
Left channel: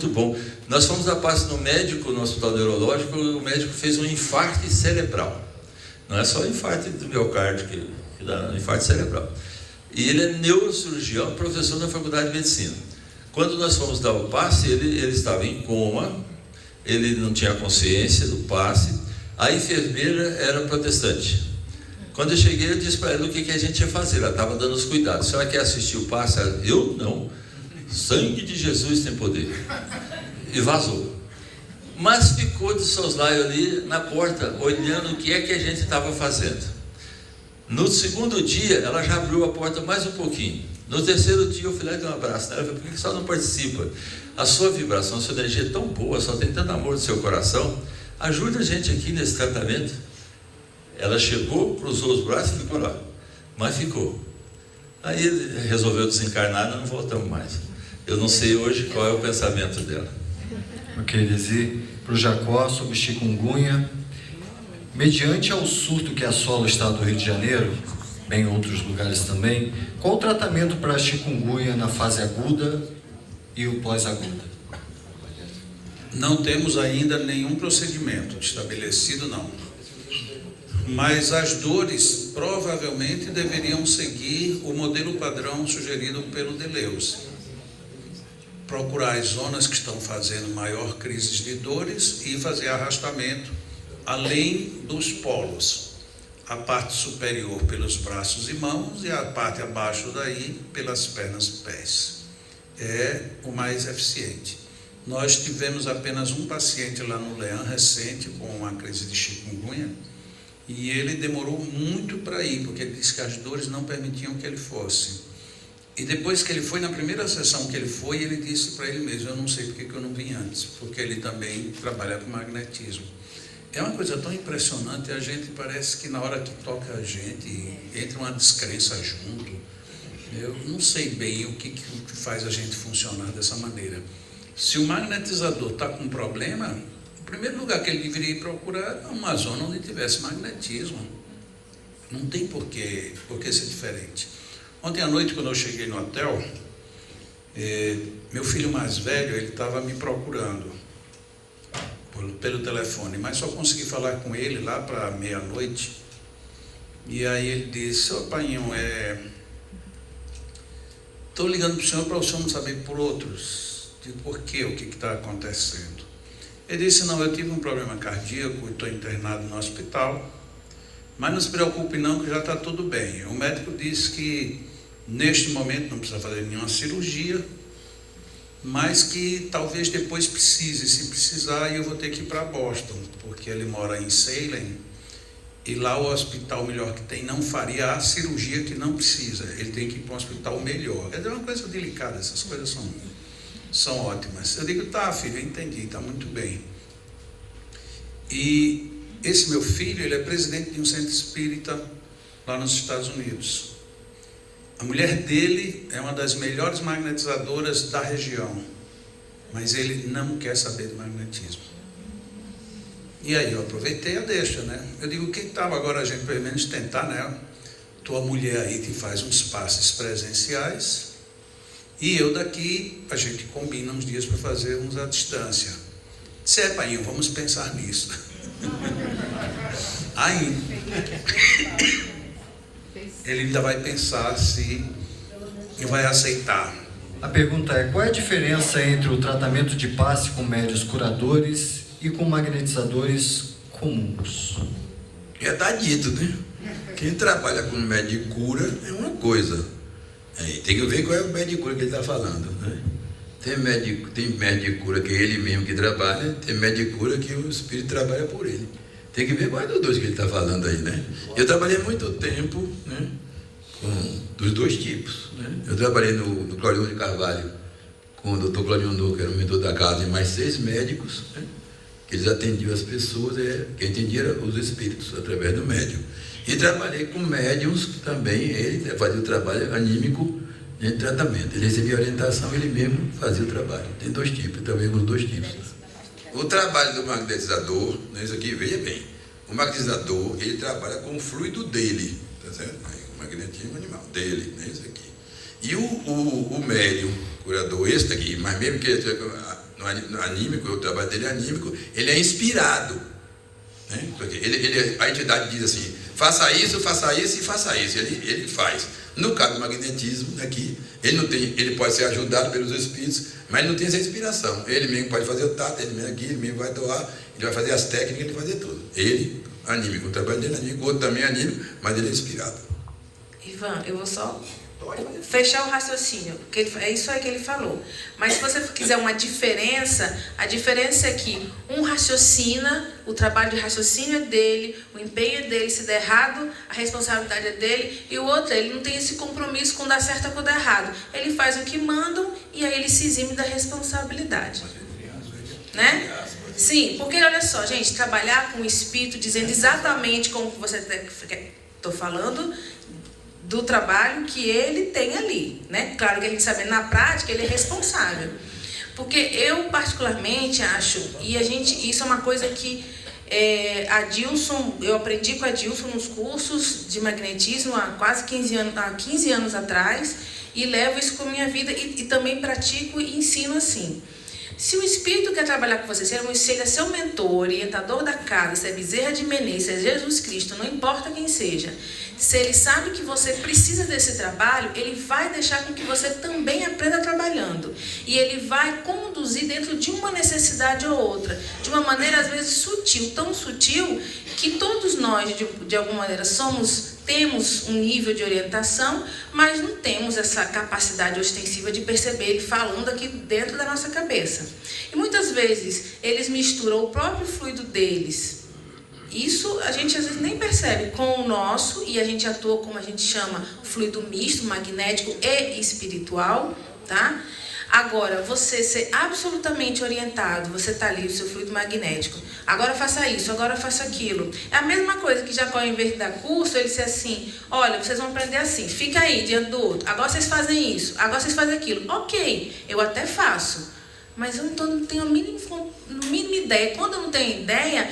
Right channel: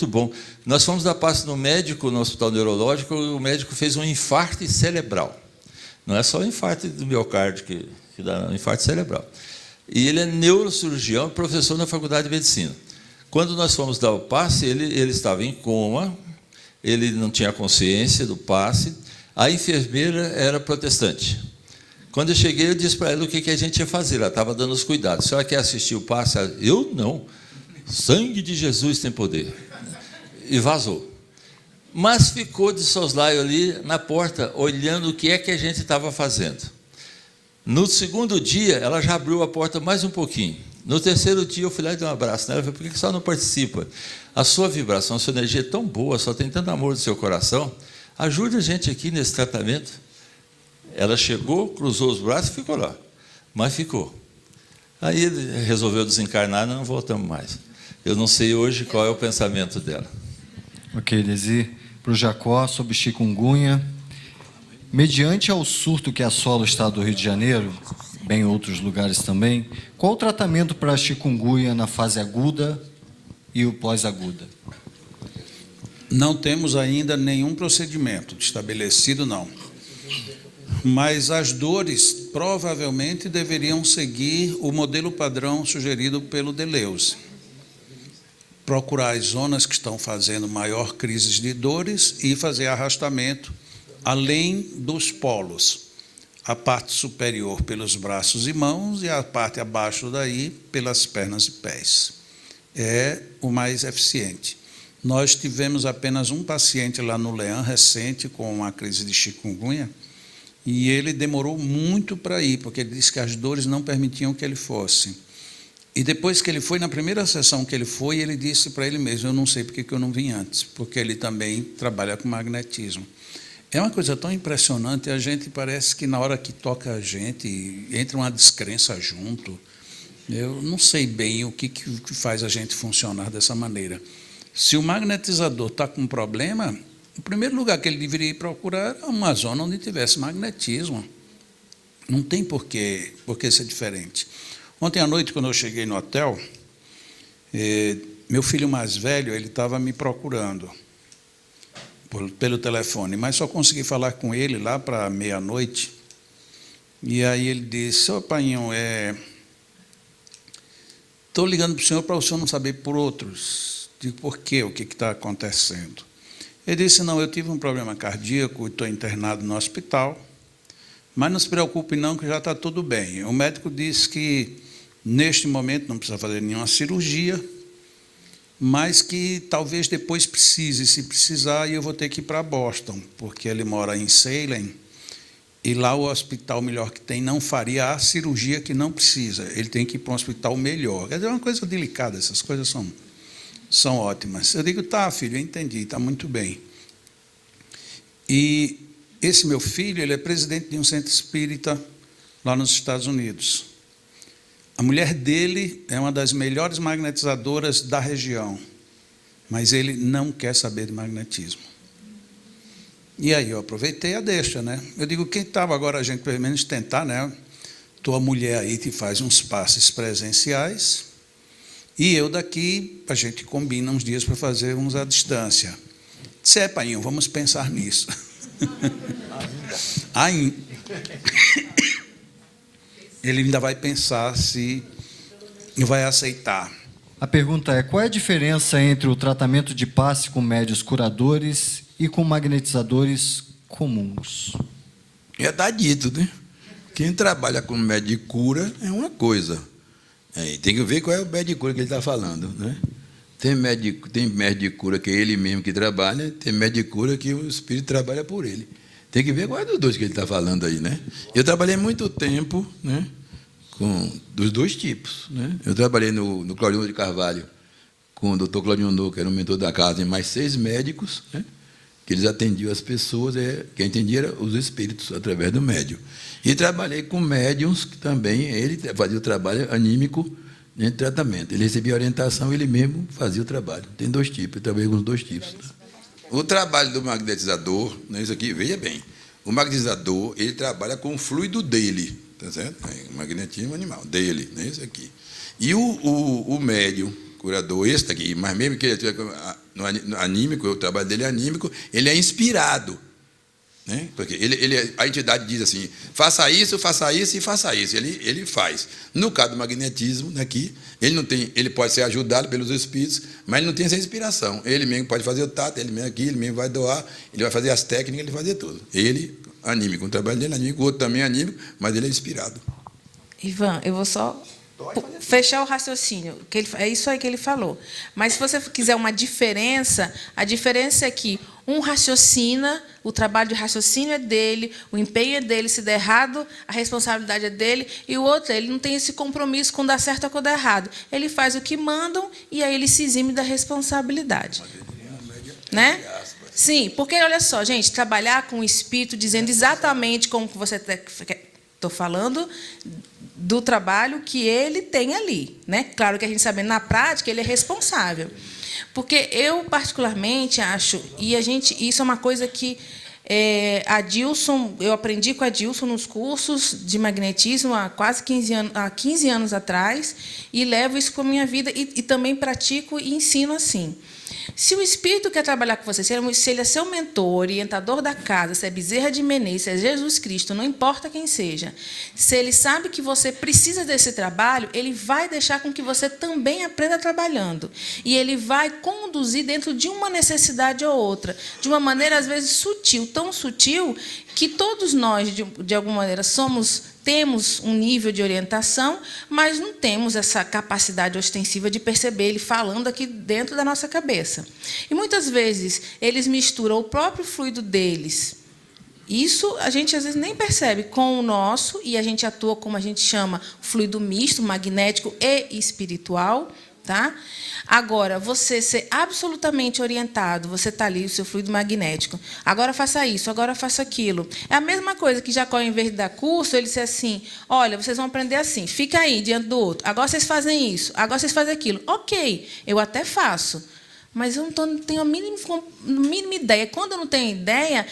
bom. Nós fomos dar passe no médico, no hospital neurológico, o médico fez um infarto cerebral. Não é só infarto do miocárdio que dá, um infarto cerebral. E ele é neurocirurgião, professor na Faculdade de Medicina. Quando nós fomos dar o passe, ele estava em coma, ele não tinha consciência do passe, a enfermeira era protestante. Quando eu cheguei, eu disse para ela o que a gente ia fazer, ela estava dando os cuidados. A senhora quer assistir o passe? Ela, eu não. Sangue de Jesus tem poder. E vazou. Mas ficou de soslaio ali na porta, olhando o que é que a gente estava fazendo. No segundo dia, ela já abriu a porta mais um pouquinho. No terceiro dia, eu fui lá e dei um abraço nela. Ela falou, por que a senhora não participa? A sua vibração, a sua energia é tão boa, só tem tanto amor no seu coração. Ajude a gente aqui nesse tratamento. Ela chegou, cruzou os braços e ficou lá. Mas ficou. Aí ele resolveu desencarnar e não voltamos mais. Eu não sei hoje qual é o pensamento dela. Ok, Lizzy, para o Jacó, sobre chikungunya. Mediante ao surto que assola o estado do Rio de Janeiro, bem em outros lugares também, qual o tratamento para a chikungunya na fase aguda e o pós-aguda? Não temos ainda nenhum procedimento estabelecido, não. Mas as dores provavelmente deveriam seguir o modelo padrão sugerido pelo Deleuze. Procurar as zonas que estão fazendo maior crise de dores e fazer arrastamento além dos polos. A parte superior pelos braços e mãos e a parte abaixo daí pelas pernas e pés. É o mais eficiente. Nós tivemos apenas um paciente lá no Leão recente com uma crise de chikungunya e ele demorou muito para ir, porque ele disse que as dores não permitiam que ele fosse. E depois que ele foi, na primeira sessão que ele foi, ele disse para ele mesmo, eu não sei porque que eu não vim antes, porque ele também trabalha com magnetismo. É uma coisa tão impressionante, a gente parece que na hora que toca a gente, entra uma descrença junto. Eu não sei bem o que faz a gente funcionar dessa maneira. Se o magnetizador está com um problema, o primeiro lugar que ele deveria ir procurar é uma zona onde tivesse magnetismo. Não tem por que ser diferente. Ontem à noite, quando eu cheguei no hotel, meu filho mais velho, ele estava me procurando pelo telefone, mas só consegui falar com ele lá para meia-noite. E aí ele disse, ô painho, estou ligando para o senhor não saber por outros. Digo, por quê? O que está acontecendo? Ele disse, não, eu tive um problema cardíaco e estou internado no hospital, mas não se preocupe não, que já está tudo bem. O médico disse que neste momento não precisa fazer nenhuma cirurgia, mas que talvez depois precise. Se precisar, eu vou ter que ir para Boston, porque ele mora em Salem, e lá o hospital melhor que tem não faria a cirurgia que não precisa. Ele tem que ir para um hospital melhor. É uma coisa delicada, essas coisas são ótimas. Eu digo, tá, filho, eu entendi, está muito bem. E esse meu filho, ele é presidente de um centro espírita lá nos Estados Unidos. A mulher dele é uma das melhores magnetizadoras da região, mas ele não quer saber de magnetismo. E aí eu aproveitei a deixa, né? Eu digo, quem estava agora a gente pelo menos tentar, né? Tua mulher aí te faz uns passes presenciais e eu daqui, a gente combina uns dias para fazer uns à distância. Disse, painho, vamos pensar nisso. Aí, ele ainda vai pensar se vai aceitar. A pergunta é: qual é a diferença entre o tratamento de passe com médios curadores e com magnetizadores comuns? Já está dito, né? Quem trabalha com médio de cura é uma coisa. Tem que ver qual é o médio de cura que ele está falando, né? Tem médio de cura que é ele mesmo que trabalha, tem médio de cura que o espírito trabalha por ele. Tem que ver qual é dos dois que ele está falando aí, né? Eu trabalhei muito tempo, né, dos dois tipos, né? Eu trabalhei no Clóvis de Carvalho com o Dr. Claudio Nuno, que era o mentor da casa, e mais 6 médicos, né, que eles atendiam as pessoas, quem atendia era os espíritos, através do médium. E trabalhei com médiums, que também ele fazia o trabalho anímico, de tratamento. Ele recebia orientação, ele mesmo fazia o trabalho. Tem 2 tipos, eu trabalhei com os 2 tipos. O trabalho do magnetizador, isso aqui, veja bem, o magnetizador, ele trabalha com o fluido dele, tá certo? O magnetismo animal, dele, né, isso aqui. E o médium, curador, esse daqui, mas mesmo que ele no anímico, o trabalho dele é anímico, ele é inspirado, né? Porque a entidade diz assim, faça isso e faça isso, ele faz. No caso do magnetismo, aqui, ele pode ser ajudado pelos espíritos, mas ele não tem essa inspiração. Ele mesmo pode fazer o tato, ele mesmo aqui, ele mesmo vai doar, ele vai fazer as técnicas, ele vai fazer tudo. Ele, anímico, o trabalho dele é anímico, o outro também é anímico, mas ele é inspirado. Ivan, eu vou só fechar o raciocínio, que é isso aí que ele falou. Mas se você quiser uma diferença, a diferença é que um raciocina, o trabalho de raciocínio é dele, o empenho é dele, se der errado, a responsabilidade é dele, e o outro, ele não tem esse compromisso com dar certo ou com dar errado. Ele faz o que mandam e aí ele se exime da responsabilidade. Né? Sim, porque olha só, gente, trabalhar com o espírito dizendo exatamente como você estou falando, do trabalho que ele tem ali, né? Claro que a gente sabe, na prática, ele é responsável. Porque eu, particularmente, acho, e isso é uma coisa que eu aprendi com a Dilson nos cursos de magnetismo há quase 15 anos atrás, e levo isso com a minha vida, e também pratico e ensino assim. Se o espírito quer trabalhar com você, se ele é seu mentor, orientador da casa, se é Bezerra de Menezes, se é Jesus Cristo, não importa quem seja, se ele sabe que você precisa desse trabalho, ele vai deixar com que você também aprenda trabalhando. E ele vai conduzir dentro de uma necessidade ou outra, de uma maneira às vezes sutil, tão sutil que todos nós, de alguma maneira, temos um nível de orientação, mas não temos essa capacidade ostensiva de perceber ele falando aqui dentro da nossa cabeça. E muitas vezes eles misturam o próprio fluido deles. Isso a gente às vezes nem percebe com o nosso, e a gente atua como a gente chama fluido misto, magnético e espiritual, tá? Agora, você ser absolutamente orientado, você está ali, o seu fluido magnético, agora faça isso, agora faça aquilo. É a mesma coisa que Jacó, em vez de dar curso, ele disse assim, olha, vocês vão aprender assim, fica aí diante do outro, agora vocês fazem isso, agora vocês fazem aquilo. Ok, eu até faço, mas eu não tenho a mínima ideia. Quando eu não tenho ideia,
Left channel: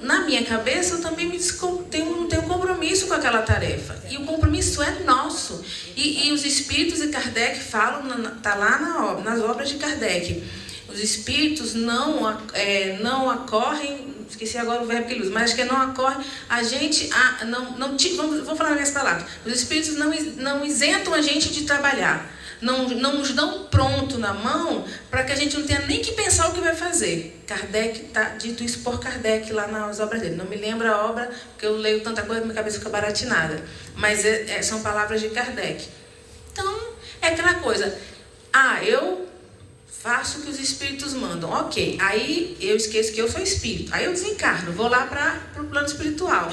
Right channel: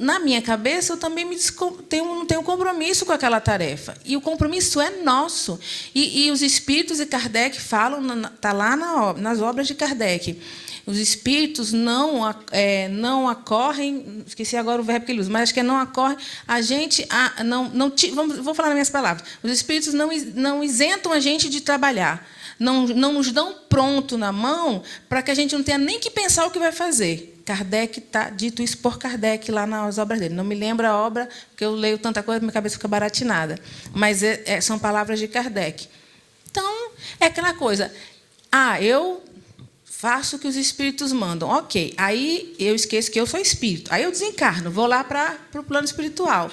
na minha cabeça, eu também não tenho compromisso com aquela tarefa. E o compromisso é nosso. E os espíritos de Kardec falam, está lá nas obras de Kardec, os espíritos não acorrem, esqueci agora o verbo que ele usa, mas acho que é não acorrem, vou falar nas minhas palavras, os espíritos não isentam a gente de trabalhar. Não nos dão pronto na mão para que a gente não tenha nem que pensar o que vai fazer. Kardec está dito isso por Kardec lá nas obras dele. Não me lembro a obra, porque eu leio tanta coisa que minha cabeça fica baratinada. Mas são palavras de Kardec. Então, é aquela coisa. Eu faço o que os espíritos mandam. Ok, aí eu esqueço que eu sou espírito. Aí eu desencarno, vou lá para o plano espiritual.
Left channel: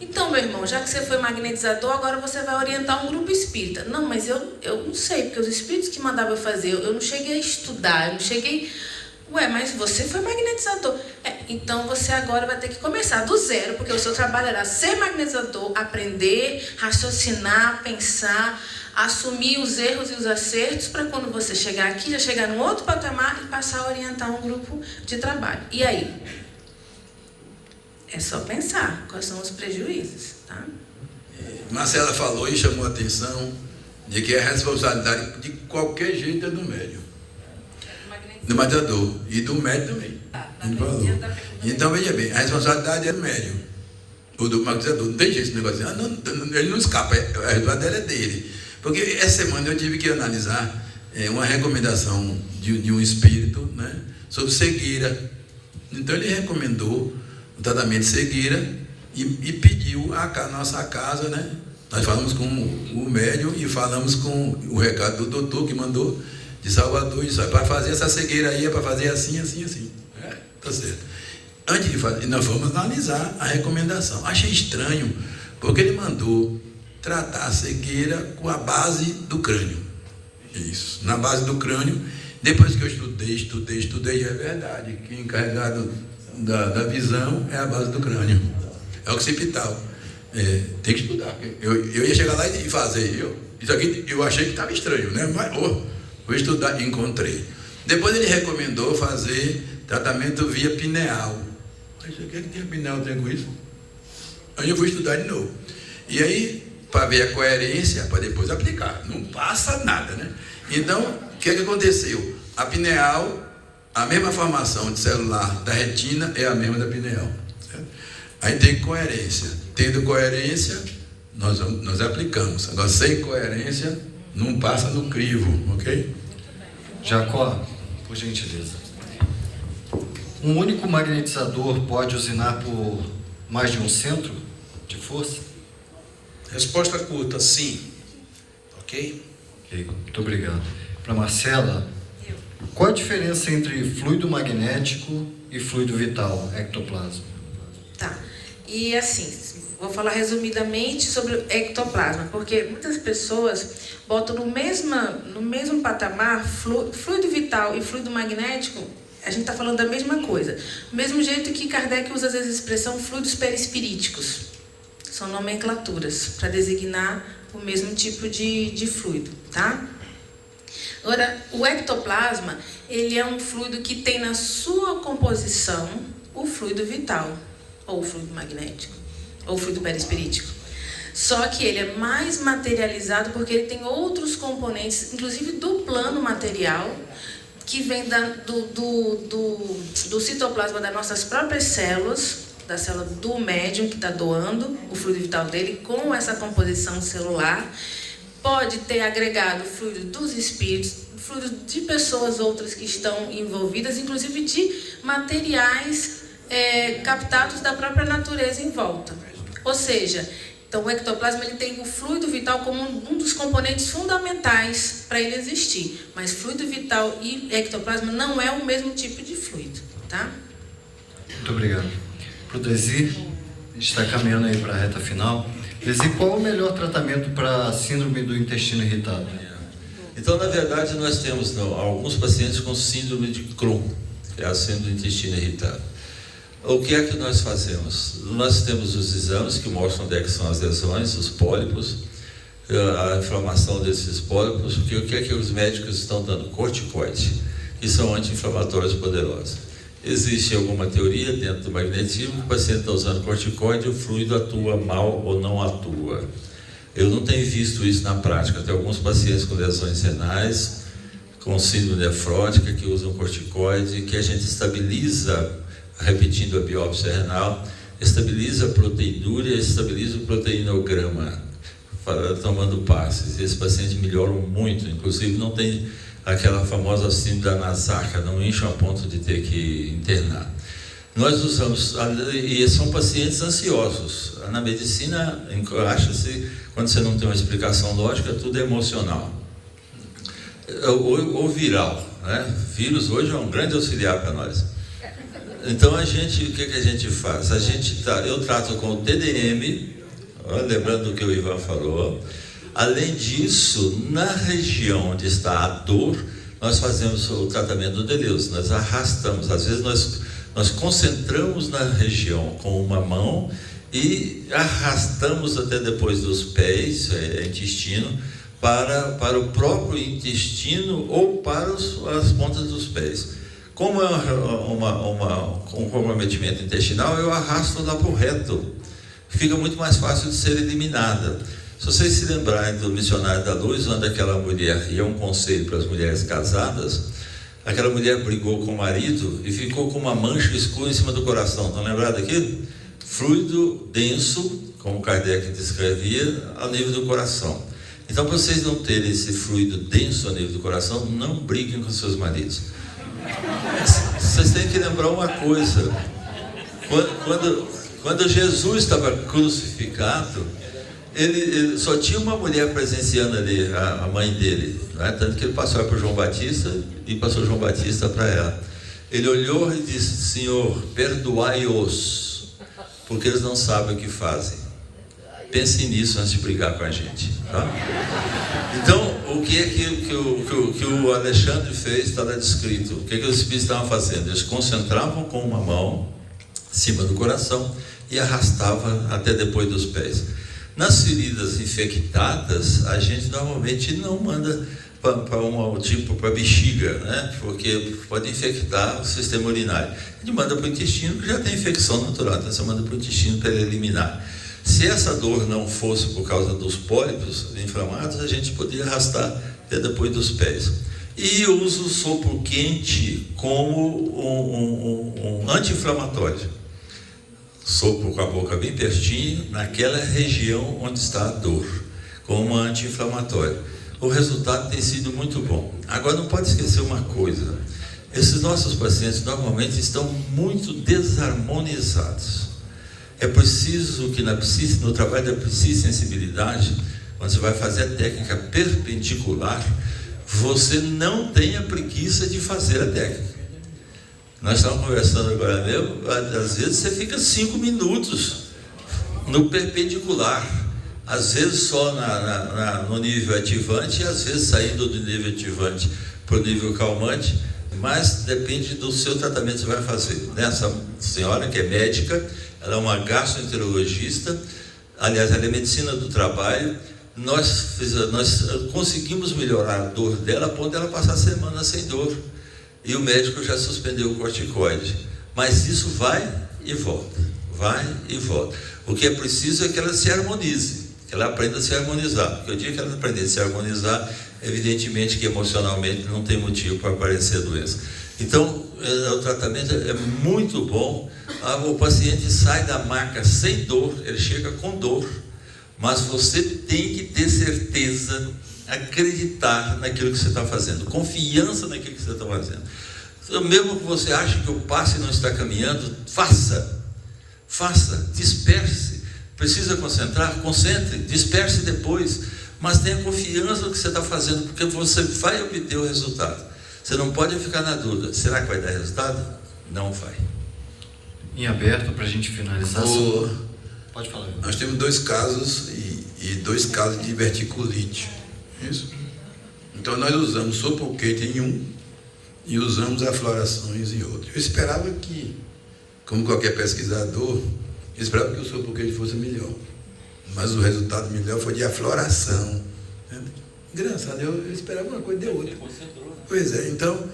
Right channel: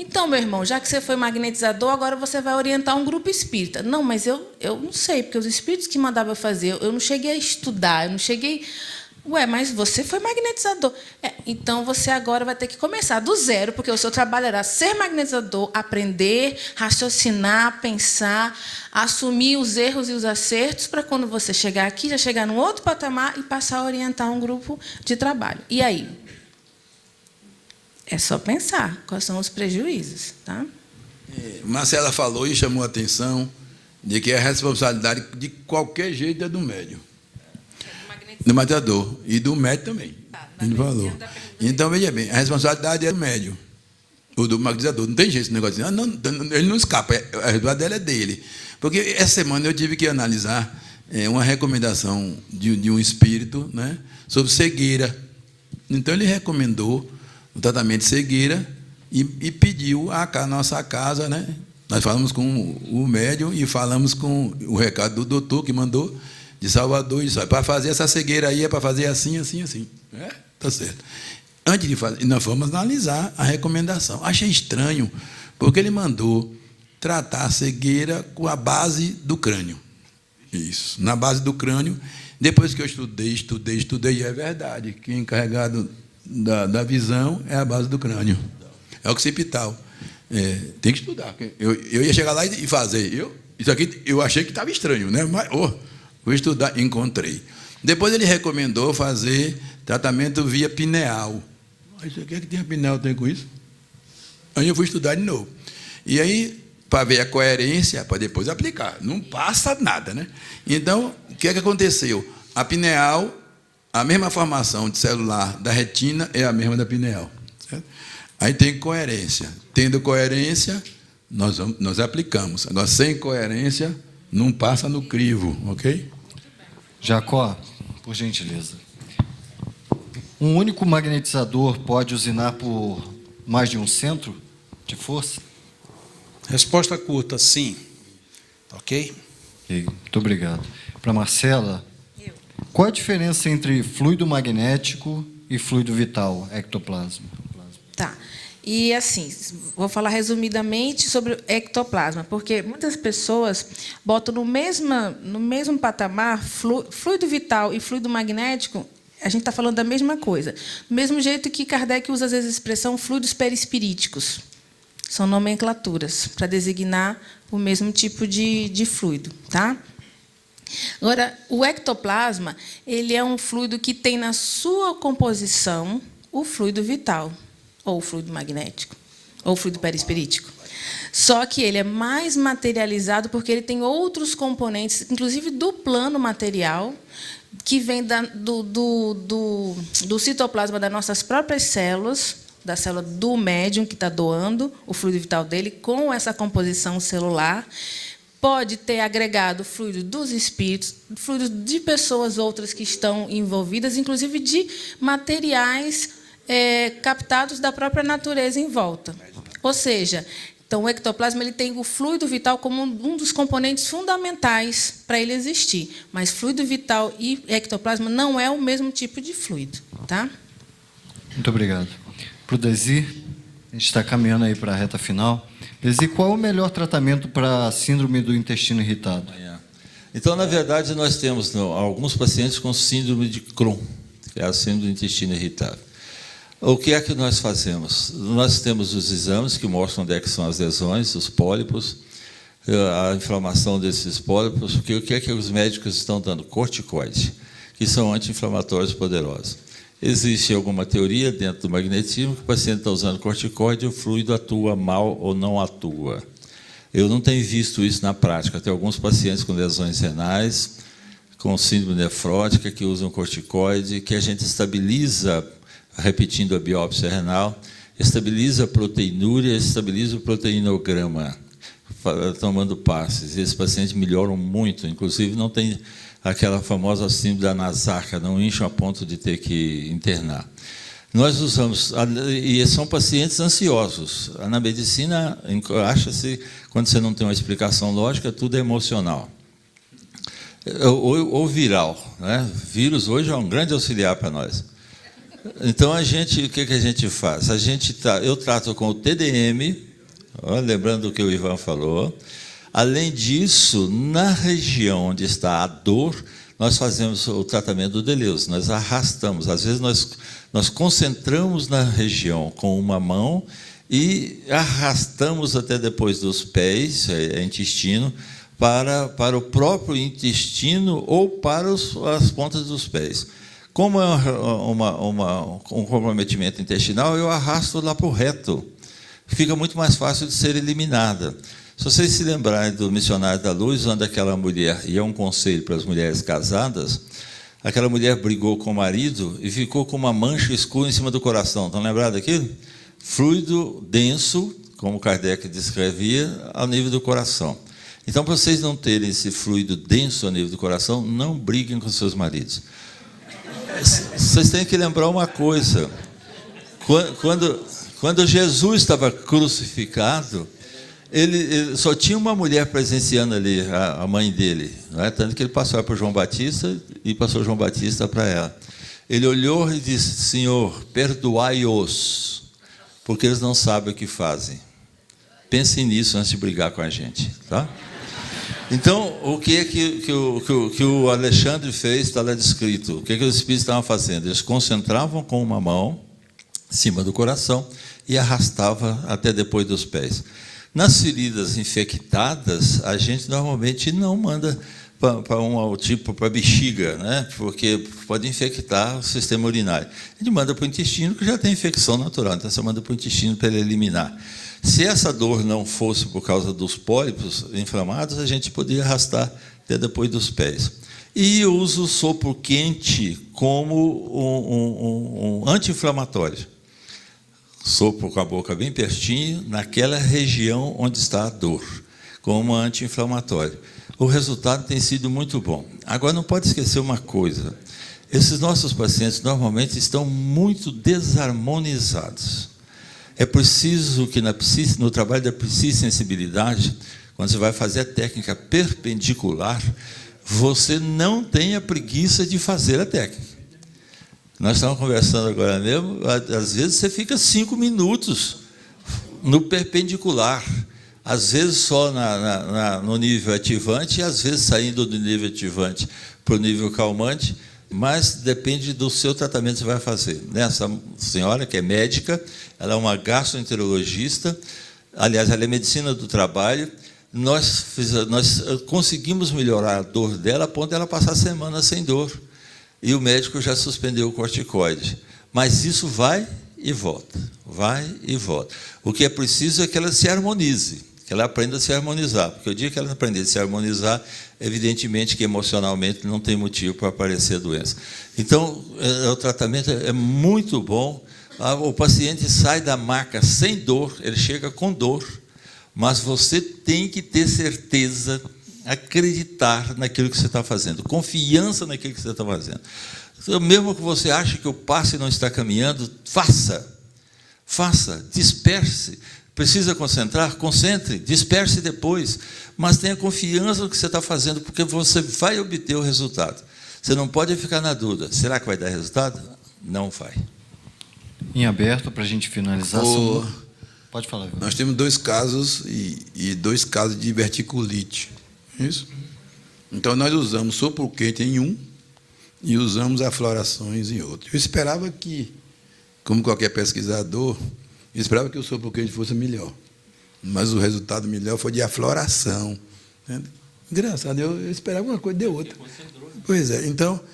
Então, meu irmão, já que você foi magnetizador, agora você vai orientar um grupo espírita. Não, mas eu não sei, porque os espíritos que mandavam eu fazer, eu não cheguei a estudar, eu não cheguei... mas você foi magnetizador. Então, você agora vai ter que começar do zero, porque o seu trabalho era ser magnetizador, aprender, raciocinar, pensar, assumir os erros e os acertos, para quando você chegar aqui, já chegar num outro patamar e passar a orientar um grupo de trabalho. E aí? É só pensar quais são os prejuízos, tá? Marcela falou e chamou a atenção de que a responsabilidade de qualquer jeito é do médium. Do maquiador. E do médium também. Ele falou. Então, veja bem, a responsabilidade é do médium. Ou do magnetizador. Não tem jeito esse negócio. Ele não escapa. A responsabilidade é dele. Porque essa semana eu tive que analisar uma recomendação de um espírito, né, sobre cegueira. Então, ele recomendou o tratamento de cegueira e pediu a nossa casa, né? Nós falamos com o médium e falamos com o recado do doutor que mandou de Salvador, isso para fazer essa cegueira aí, é para fazer assim, assim, assim. Tá certo. Antes de fazer, nós vamos analisar a recomendação. Achei estranho, porque ele mandou tratar a cegueira com a base do crânio. Isso, na base do crânio. Depois que eu estudei, é verdade. Quem é encarregado da visão é a base do crânio. É occipital. Tem que estudar. Eu ia chegar lá e fazer. Isso aqui eu achei que estava estranho, né? Mas vou estudar, encontrei. Depois ele recomendou fazer tratamento via pineal. Mas o que é que tem a pineal tem com isso? Aí eu fui estudar de novo. E aí, para ver a coerência, para depois aplicar. Não passa nada, né? Então, o que é que aconteceu? A pineal, a mesma formação de celular da retina é a mesma da pineal. Certo? Aí tem coerência. Tendo coerência, nós aplicamos. Agora, sem coerência, não passa no crivo, ok? Jacó, por gentileza. Um único magnetizador pode usinar por mais de um centro de força? Resposta curta, sim. Ok? Ok, muito obrigado. Para Marcela, qual a diferença entre fluido magnético e fluido vital, ectoplasma? Tá. E assim, vou falar resumidamente sobre o ectoplasma, porque muitas pessoas botam no mesmo patamar fluido vital e fluido magnético. A gente está falando da mesma coisa. Do mesmo jeito que Kardec usa às vezes a expressão fluidos perispiríticos. São nomenclaturas para designar o mesmo tipo de fluido, tá? Agora, o ectoplasma, ele é um fluido que tem na sua composição o fluido vital, ou o fluido magnético, ou o fluido perispirítico. Só que ele é mais materializado porque ele tem outros componentes, inclusive do plano material, que vem do citoplasma das nossas próprias células, da célula do médium que está doando o fluido vital dele, com essa composição celular. Pode ter agregado fluido dos espíritos, fluido de pessoas outras que estão envolvidas, inclusive de materiais captados da própria natureza em volta. Ou seja, então o ectoplasma ele tem o fluido vital como um dos componentes fundamentais para ele existir. Mas fluido vital e ectoplasma não é o mesmo tipo de fluido, tá? Muito obrigado. Para o Desi, a gente está caminhando aí para a reta final. Desi, qual é o melhor tratamento para a síndrome do intestino irritado? Então, na verdade, nós temos alguns pacientes com síndrome de Crohn, que é a síndrome do intestino irritado. O que é que nós fazemos? Nós temos os exames que mostram onde é que são as lesões, os pólipos, a inflamação desses pólipos, porque o que é que os médicos estão dando? Corticoide, que são anti-inflamatórios poderosos. Existe alguma teoria dentro do magnetismo que o paciente está usando corticoide e o fluido atua mal ou não atua. Eu não tenho visto isso na prática. Tem alguns pacientes com lesões renais, com síndrome nefrótica, que usam corticoide, que a gente estabiliza, repetindo a biópsia renal, estabiliza a proteinúria, estabiliza o proteinograma, tomando passes. E esses pacientes melhoram muito, inclusive não tem aquela famosa síndrome da nasarca, não incham a ponto de ter que internar. Nós usamos, e são pacientes ansiosos. Na medicina, acha-se, quando você não tem uma explicação lógica, tudo é emocional. Ou viral, né? Vírus hoje é um grande auxiliar para nós. Então, o que a gente faz? Eu trato com o TDM, lembrando o que o Ivan falou. Além disso, na região onde está a dor, nós fazemos o tratamento do Deleuze, nós arrastamos. Às vezes nós concentramos na região com uma mão e arrastamos até depois dos pés, intestino, para o próprio intestino ou para as pontas dos pés. Como é um comprometimento intestinal, eu arrasto lá para o reto. Fica muito mais fácil de ser eliminada. Se vocês se lembrarem do Missionário da Luz, onde aquela mulher, e é um conselho para as mulheres casadas, aquela mulher brigou com o marido e ficou com uma mancha escura em cima do coração. Estão lembrados daquilo? Fluido denso, como Kardec descrevia, ao nível do coração. Então, para vocês não terem esse fluido denso ao nível do coração, não briguem com seus maridos. Vocês têm que lembrar uma coisa. Quando Jesus estava crucificado, ele só tinha uma mulher presenciando ali, a mãe dele, né? Tanto que ele passou para João Batista e passou João Batista para ela. Ele olhou e disse: Senhor, perdoai-os, porque eles não sabem o que fazem. Pensem nisso antes de brigar com a gente, tá? Então, o que é que o Alexandre fez, está lá descrito. O que os espíritos estavam fazendo? Eles concentravam com uma mão em cima do coração e arrastavam até depois dos pés. Nas feridas infectadas, a gente normalmente não manda para a bexiga, né? Porque pode infectar o sistema urinário. A gente manda para o intestino, que já tem infecção natural, então você manda para o intestino para ele eliminar. Se essa dor não fosse por causa dos pólipos inflamados, a gente podia arrastar até depois dos pés. E eu uso o sopro quente como um anti-inflamatório. Sopro com a boca bem pertinho, naquela região onde está a dor, como anti-inflamatório. O resultado tem sido muito bom. Agora, não pode esquecer uma coisa: esses nossos pacientes normalmente estão muito desarmonizados. É preciso que no trabalho da psisensibilidade, quando você vai fazer a técnica perpendicular, você não tenha preguiça de fazer a técnica. Nós estávamos conversando agora mesmo, às vezes você fica 5 minutos no perpendicular, às vezes só no nível ativante, e às vezes saindo do nível ativante para o nível calmante, mas depende do seu tratamento que você vai fazer. Essa senhora, que é médica, ela é uma gastroenterologista, aliás, ela é medicina do trabalho. Nós conseguimos melhorar a dor dela, a ponto dela passar semanas sem dor. E o médico já suspendeu o corticoide. Mas isso vai e volta, vai e volta. O que é preciso é que ela se harmonize, que ela aprenda a se harmonizar. Porque o dia que ela aprender a se harmonizar, evidentemente que emocionalmente não tem motivo para aparecer doença. Então, o tratamento é muito bom. O paciente sai da maca sem dor, ele chega com dor, mas você tem que ter certeza, acreditar naquilo que você está fazendo, confiança naquilo que você está fazendo. Então, mesmo que você ache que o passe não está caminhando, faça, disperse. Precisa concentrar? Concentre, disperse depois, mas tenha confiança no que você está fazendo, porque você vai obter o resultado. Você não pode ficar na dúvida: será que vai dar resultado? Não vai. Em aberto, para a gente finalizar. Pode falar. Nós temos 2 casos e 2 casos de verticulite. Isso? Então nós usamos sopro quente em um e usamos aflorações em outro. Eu esperava que, como qualquer pesquisador, eu esperava que o sopro quente fosse melhor. Mas o resultado melhor foi de afloração. Entende? Engraçado, eu esperava uma coisa e deu outra. Pois é, então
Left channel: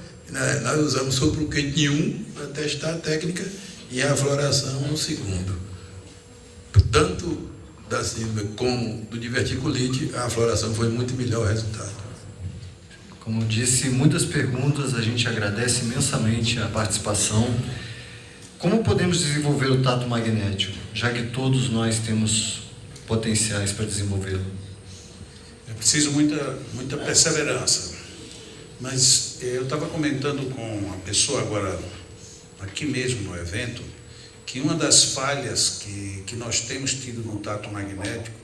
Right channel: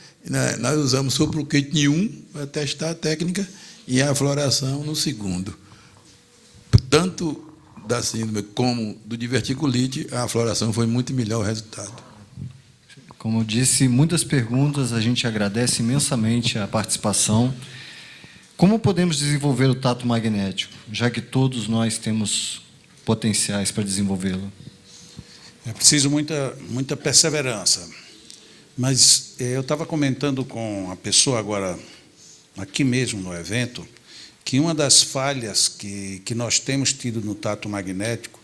nós usamos sopro quente em um para testar a técnica e a afloração no segundo. Tanto da síndrome como do diverticulite, a afloração foi muito melhor o resultado. Como eu disse, muitas perguntas, a gente agradece imensamente a participação. Como podemos desenvolver o tato magnético, já que todos nós temos potenciais para desenvolvê-lo? É preciso muita perseverança. Mas eu estava comentando com a pessoa agora, aqui mesmo no evento, que uma das falhas que nós temos tido no tato magnético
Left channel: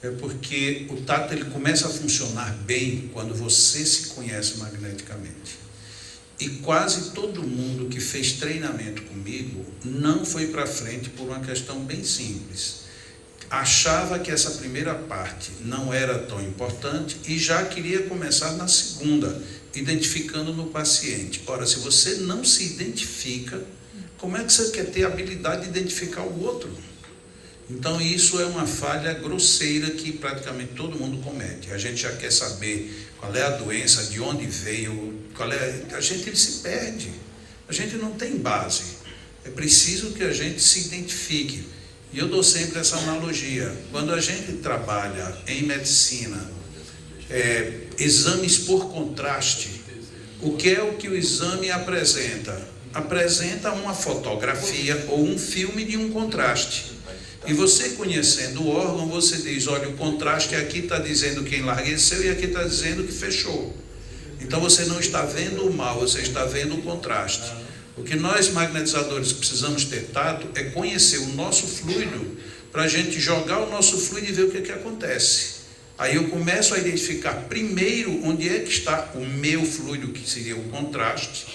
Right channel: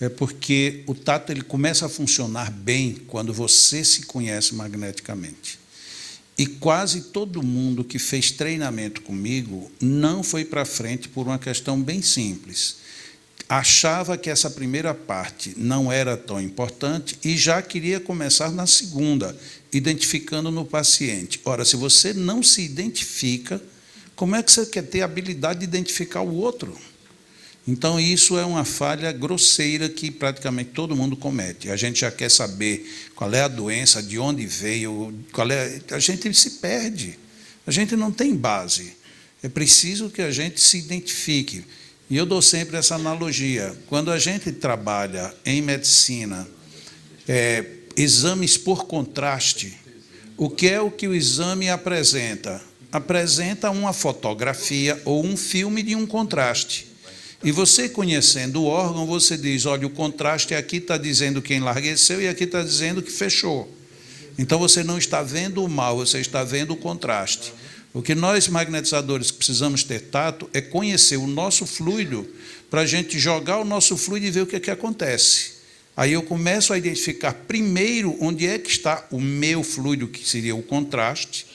é porque o tato ele começa a funcionar bem quando você se conhece magneticamente. E quase todo mundo que fez treinamento comigo não foi para frente por uma questão bem simples. Achava que essa primeira parte não era tão importante e já queria começar na segunda, identificando no paciente. Ora, se você não se identifica, como é que você quer ter a habilidade de identificar o outro? Então, isso é uma falha grosseira que praticamente todo mundo comete. A gente já quer saber qual é a doença, de onde veio, a gente se perde. A gente não tem base. É preciso que a gente se identifique. E eu dou sempre essa analogia. Quando a gente trabalha em medicina, exames por contraste, o que é o que o exame apresenta? Apresenta uma fotografia ou um filme de um contraste. E você conhecendo o órgão, você diz, olha, o contraste aqui está dizendo que enlargueceu e aqui está dizendo que fechou. Então você não está vendo o mal, você está vendo o contraste. O que nós magnetizadores precisamos ter tato é conhecer o nosso fluido, para a gente jogar o nosso fluido e ver o que acontece. Aí eu começo a identificar primeiro onde é que está o meu fluido, que seria o contraste,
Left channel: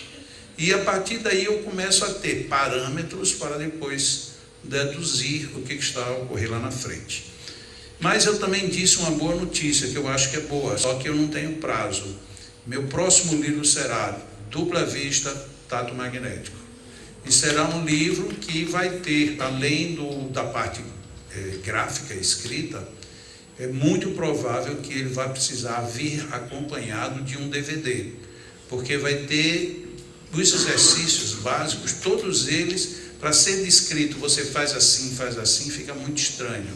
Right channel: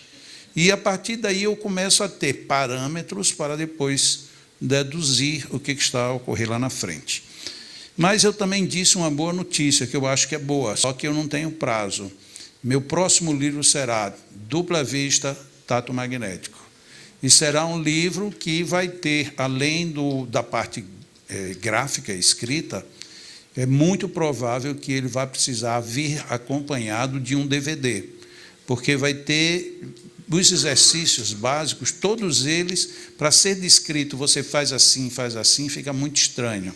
e a partir daí eu começo a ter parâmetros para depois deduzir o que está a ocorrer lá na frente. Mas eu também disse uma boa notícia, que eu acho que é boa, só que eu não tenho prazo. Meu próximo livro será Dupla Vista, Tato Magnético. E será um livro que vai ter, além da parte gráfica, escrita, é muito provável que ele vai precisar vir acompanhado de um DVD, porque vai ter os exercícios básicos, todos eles, para ser descrito, você faz assim, fica muito estranho.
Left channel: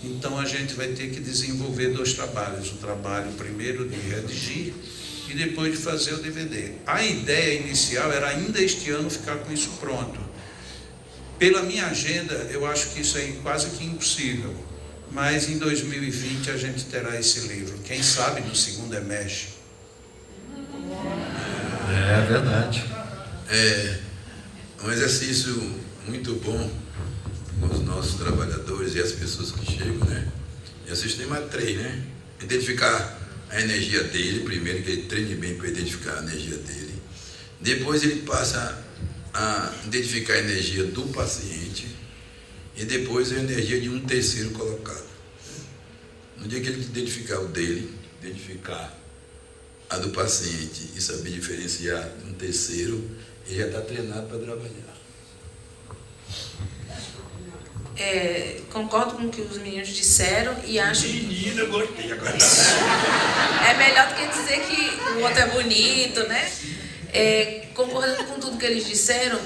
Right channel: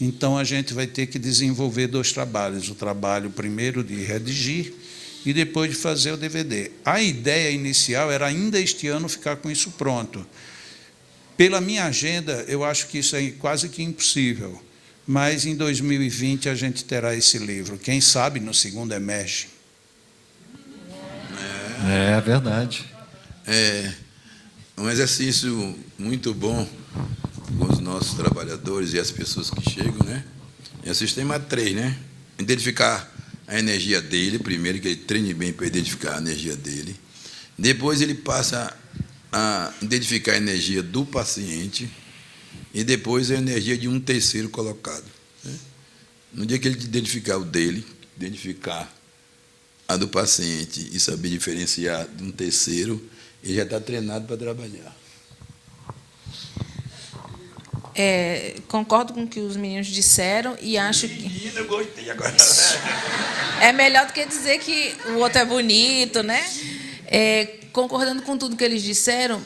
Então a gente vai ter que desenvolver 2 trabalhos, o trabalho primeiro de redigir e depois de fazer o DVD. A ideia inicial era ainda este ano ficar com isso pronto. Pela minha agenda, eu acho que isso é quase que impossível, mas em 2020 a gente terá esse livro, quem sabe no segundo semestre. É verdade. Um exercício muito bom com os nossos trabalhadores e as pessoas que chegam, né? É o sistema 3, né? Identificar a energia dele, primeiro que ele treine bem para identificar a energia dele. Depois ele passa a identificar a energia do paciente e depois a energia de um terceiro colocado. No dia que ele identificar o dele, identificar a do paciente e saber diferenciar de um terceiro, ele já está treinado para trabalhar. Concordo com o que os meninos disseram e acho que Menina, eu gostei agora. é melhor do que dizer que o outro é bonito, né? Concordando com tudo que eles disseram,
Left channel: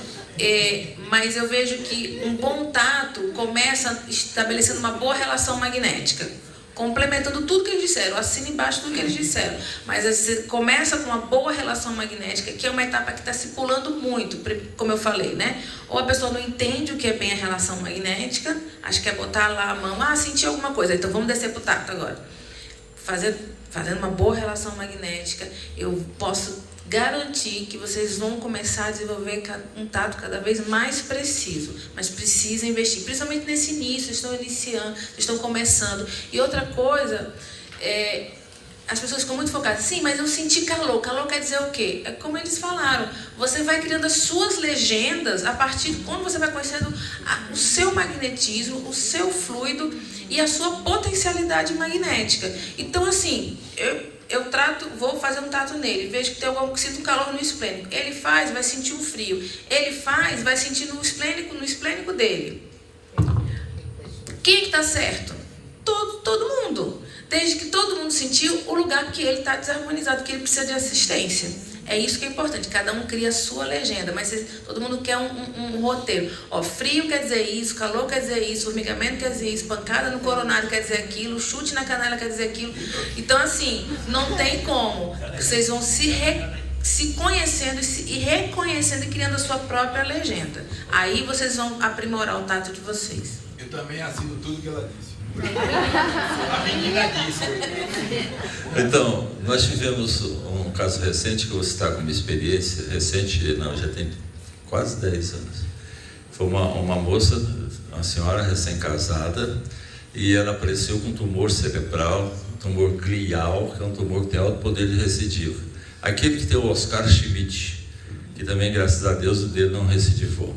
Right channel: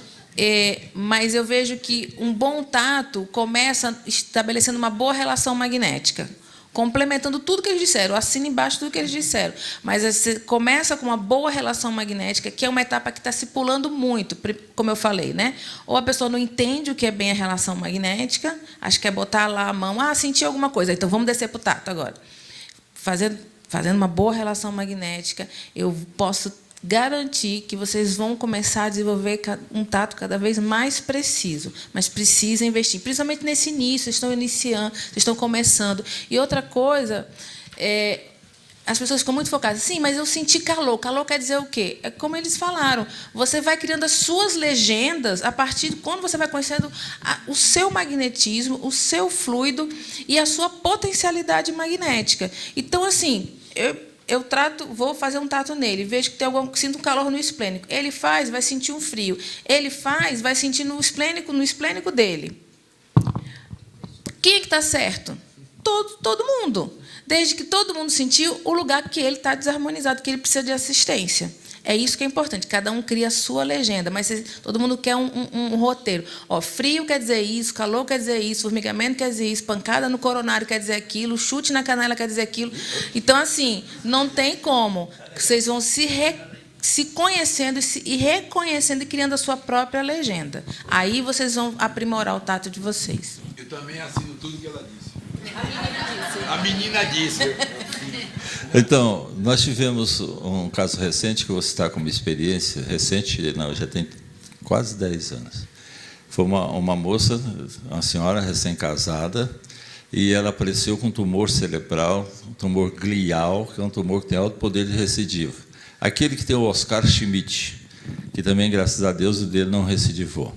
mas eu vejo que um bom tato começa estabelecendo uma boa relação magnética, complementando tudo que eles disseram, eu assino embaixo tudo que eles disseram, mas você começa com uma boa relação magnética, que é uma etapa que está se pulando muito, como eu falei, né? Ou a pessoa não entende o que é bem a relação magnética, acha que é botar lá a mão, senti alguma coisa, então vamos descer para o tato agora. Fazendo uma boa relação magnética, eu posso garantir que vocês vão começar a desenvolver um tato cada vez mais preciso, mas precisa investir, principalmente nesse início, vocês estão iniciando, vocês estão começando. E outra coisa, as pessoas ficam muito focadas, sim, mas eu senti calor quer dizer o quê? É como eles falaram, você vai criando as suas legendas a partir de quando você vai conhecendo o seu magnetismo, o seu fluido e a sua potencialidade magnética. Então, assim, vou fazer um tato nele, vejo que tem algum que sinta um calor no esplênico. Ele faz, vai sentir um frio. Ele faz, vai sentir no esplênico dele. Quem é que está certo? Todo mundo. Desde que todo mundo sentiu o lugar que ele está desarmonizado, que ele precisa de assistência. É isso que é importante. Cada um cria a sua legenda, mas todo mundo quer um roteiro. Frio quer dizer isso, calor quer dizer isso, formigamento quer dizer isso, pancada no coronário quer dizer aquilo, chute na canela quer dizer aquilo. Então, assim, não tem como. Vocês vão se conhecendo e reconhecendo e criando a sua própria legenda. Aí vocês vão aprimorar o tato de vocês. Eu também assino tudo que ela disse. A menina disse. Então, nós tivemos um caso recente, que eu vou citar como experiência, recente, não, já tem quase 10 anos. Foi uma moça, uma senhora recém-casada, e ela apareceu com tumor cerebral, tumor glial, que é um tumor que tem alto poder de recidivo. Aquele que tem o Oscar Schmidt, que também, graças a Deus, o dele não recidivou.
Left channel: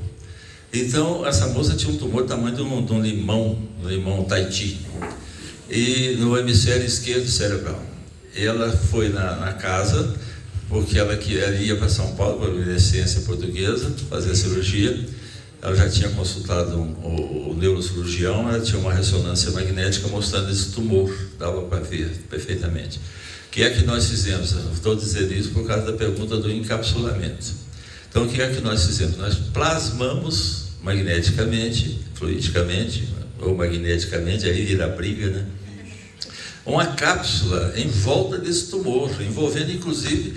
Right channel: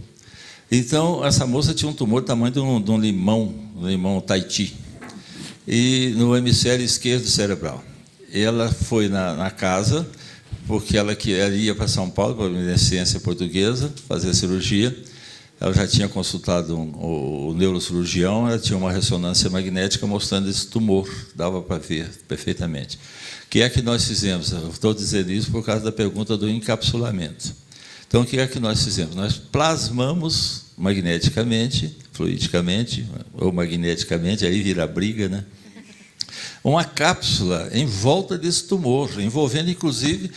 Então, essa moça tinha um tumor do tamanho de um limão Tahiti, e no hemisfério esquerdo cerebral. Ela foi na casa, porque ela ia para São Paulo, para a Luminescência Portuguesa, fazer a cirurgia. Ela já tinha consultado o neurocirurgião, ela tinha uma ressonância magnética mostrando esse tumor, dava para ver perfeitamente. O que é que nós fizemos? Eu estou dizendo isso por causa da pergunta do encapsulamento. Então, o que é que nós fizemos? Nós plasmamos magneticamente, fluidicamente, ou magneticamente, aí vira briga, né? Uma cápsula em volta desse tumor, envolvendo inclusive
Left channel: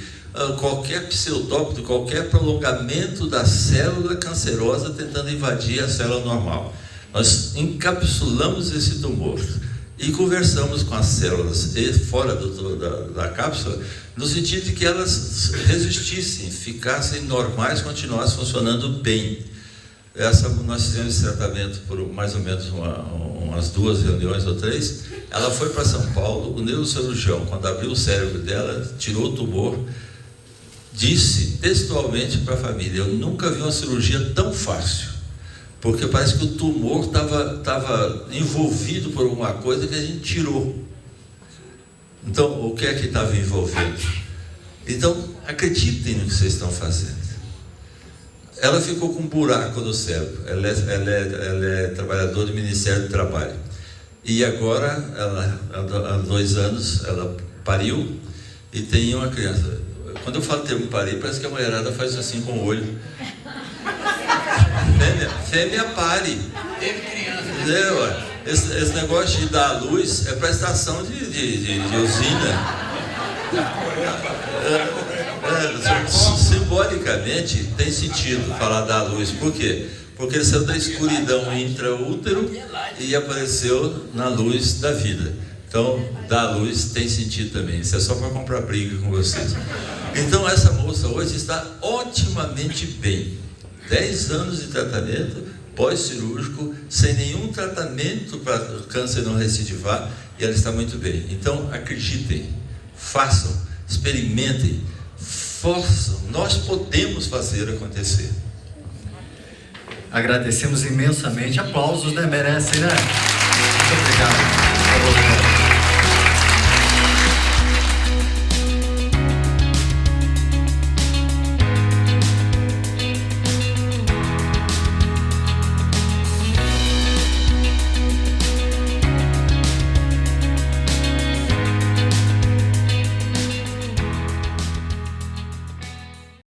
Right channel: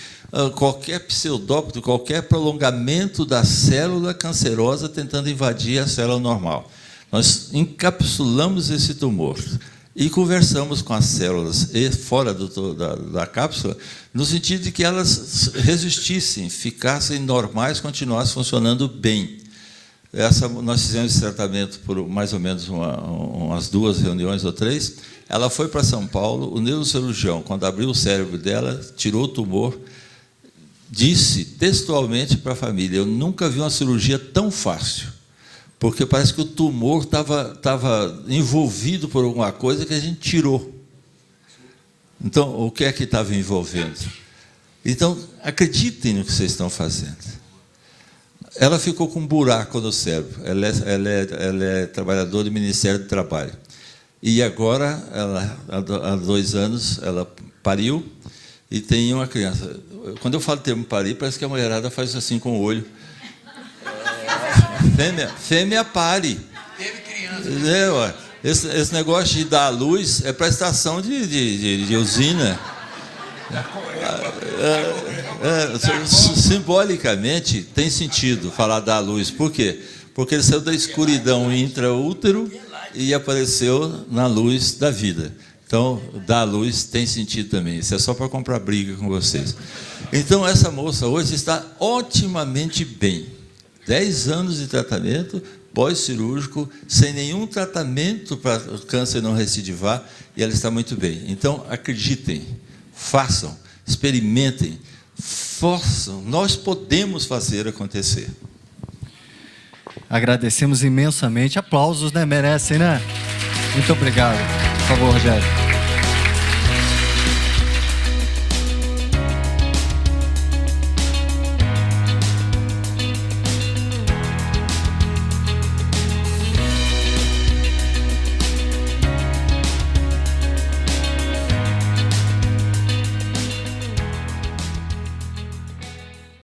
qualquer pseudópito, qualquer prolongamento da célula cancerosa tentando invadir a célula normal. Nós encapsulamos esse tumor e conversamos com as células fora da cápsula, no sentido de que elas resistissem, ficassem normais, continuassem funcionando bem. Nós fizemos esse tratamento por mais ou menos umas 2 reuniões ou 3. Ela foi para São Paulo, o neurocirurgião, quando abriu o cérebro dela, tirou o tumor, disse textualmente para a família: eu nunca vi uma cirurgia tão fácil, porque parece que o tumor estava envolvido por alguma coisa que a gente tirou. Então, o que é que estava envolvendo? Então, acreditem no que vocês estão fazendo. Ela ficou com um buraco no cérebro. Ela é trabalhadora do Ministério do Trabalho. E agora, há 2 anos, ela pariu e tem uma criança. Quando eu falo termo parir, parece que a mulherada faz assim com o olho. Fêmea pare. Esse negócio de dar à luz é para estação de usina. Simbolicamente tem sentido falar da luz. Por quê? Porque ele saiu da escuridão intraútero e apareceu na luz da vida. Então, dar luz tem sentido também. Isso é só para comprar briga com vocês. Então, essa moça hoje está otimamente bem. 10 anos de tratamento pós-cirúrgico, sem nenhum tratamento para o câncer não recidivar, e ela está muito bem. Então, acreditem, façam, experimentem, forçam. Nós podemos fazer acontecer. Agradecemos imensamente. Aplausos, né? Merecem, né? Muito obrigado. Por favor, Rogério.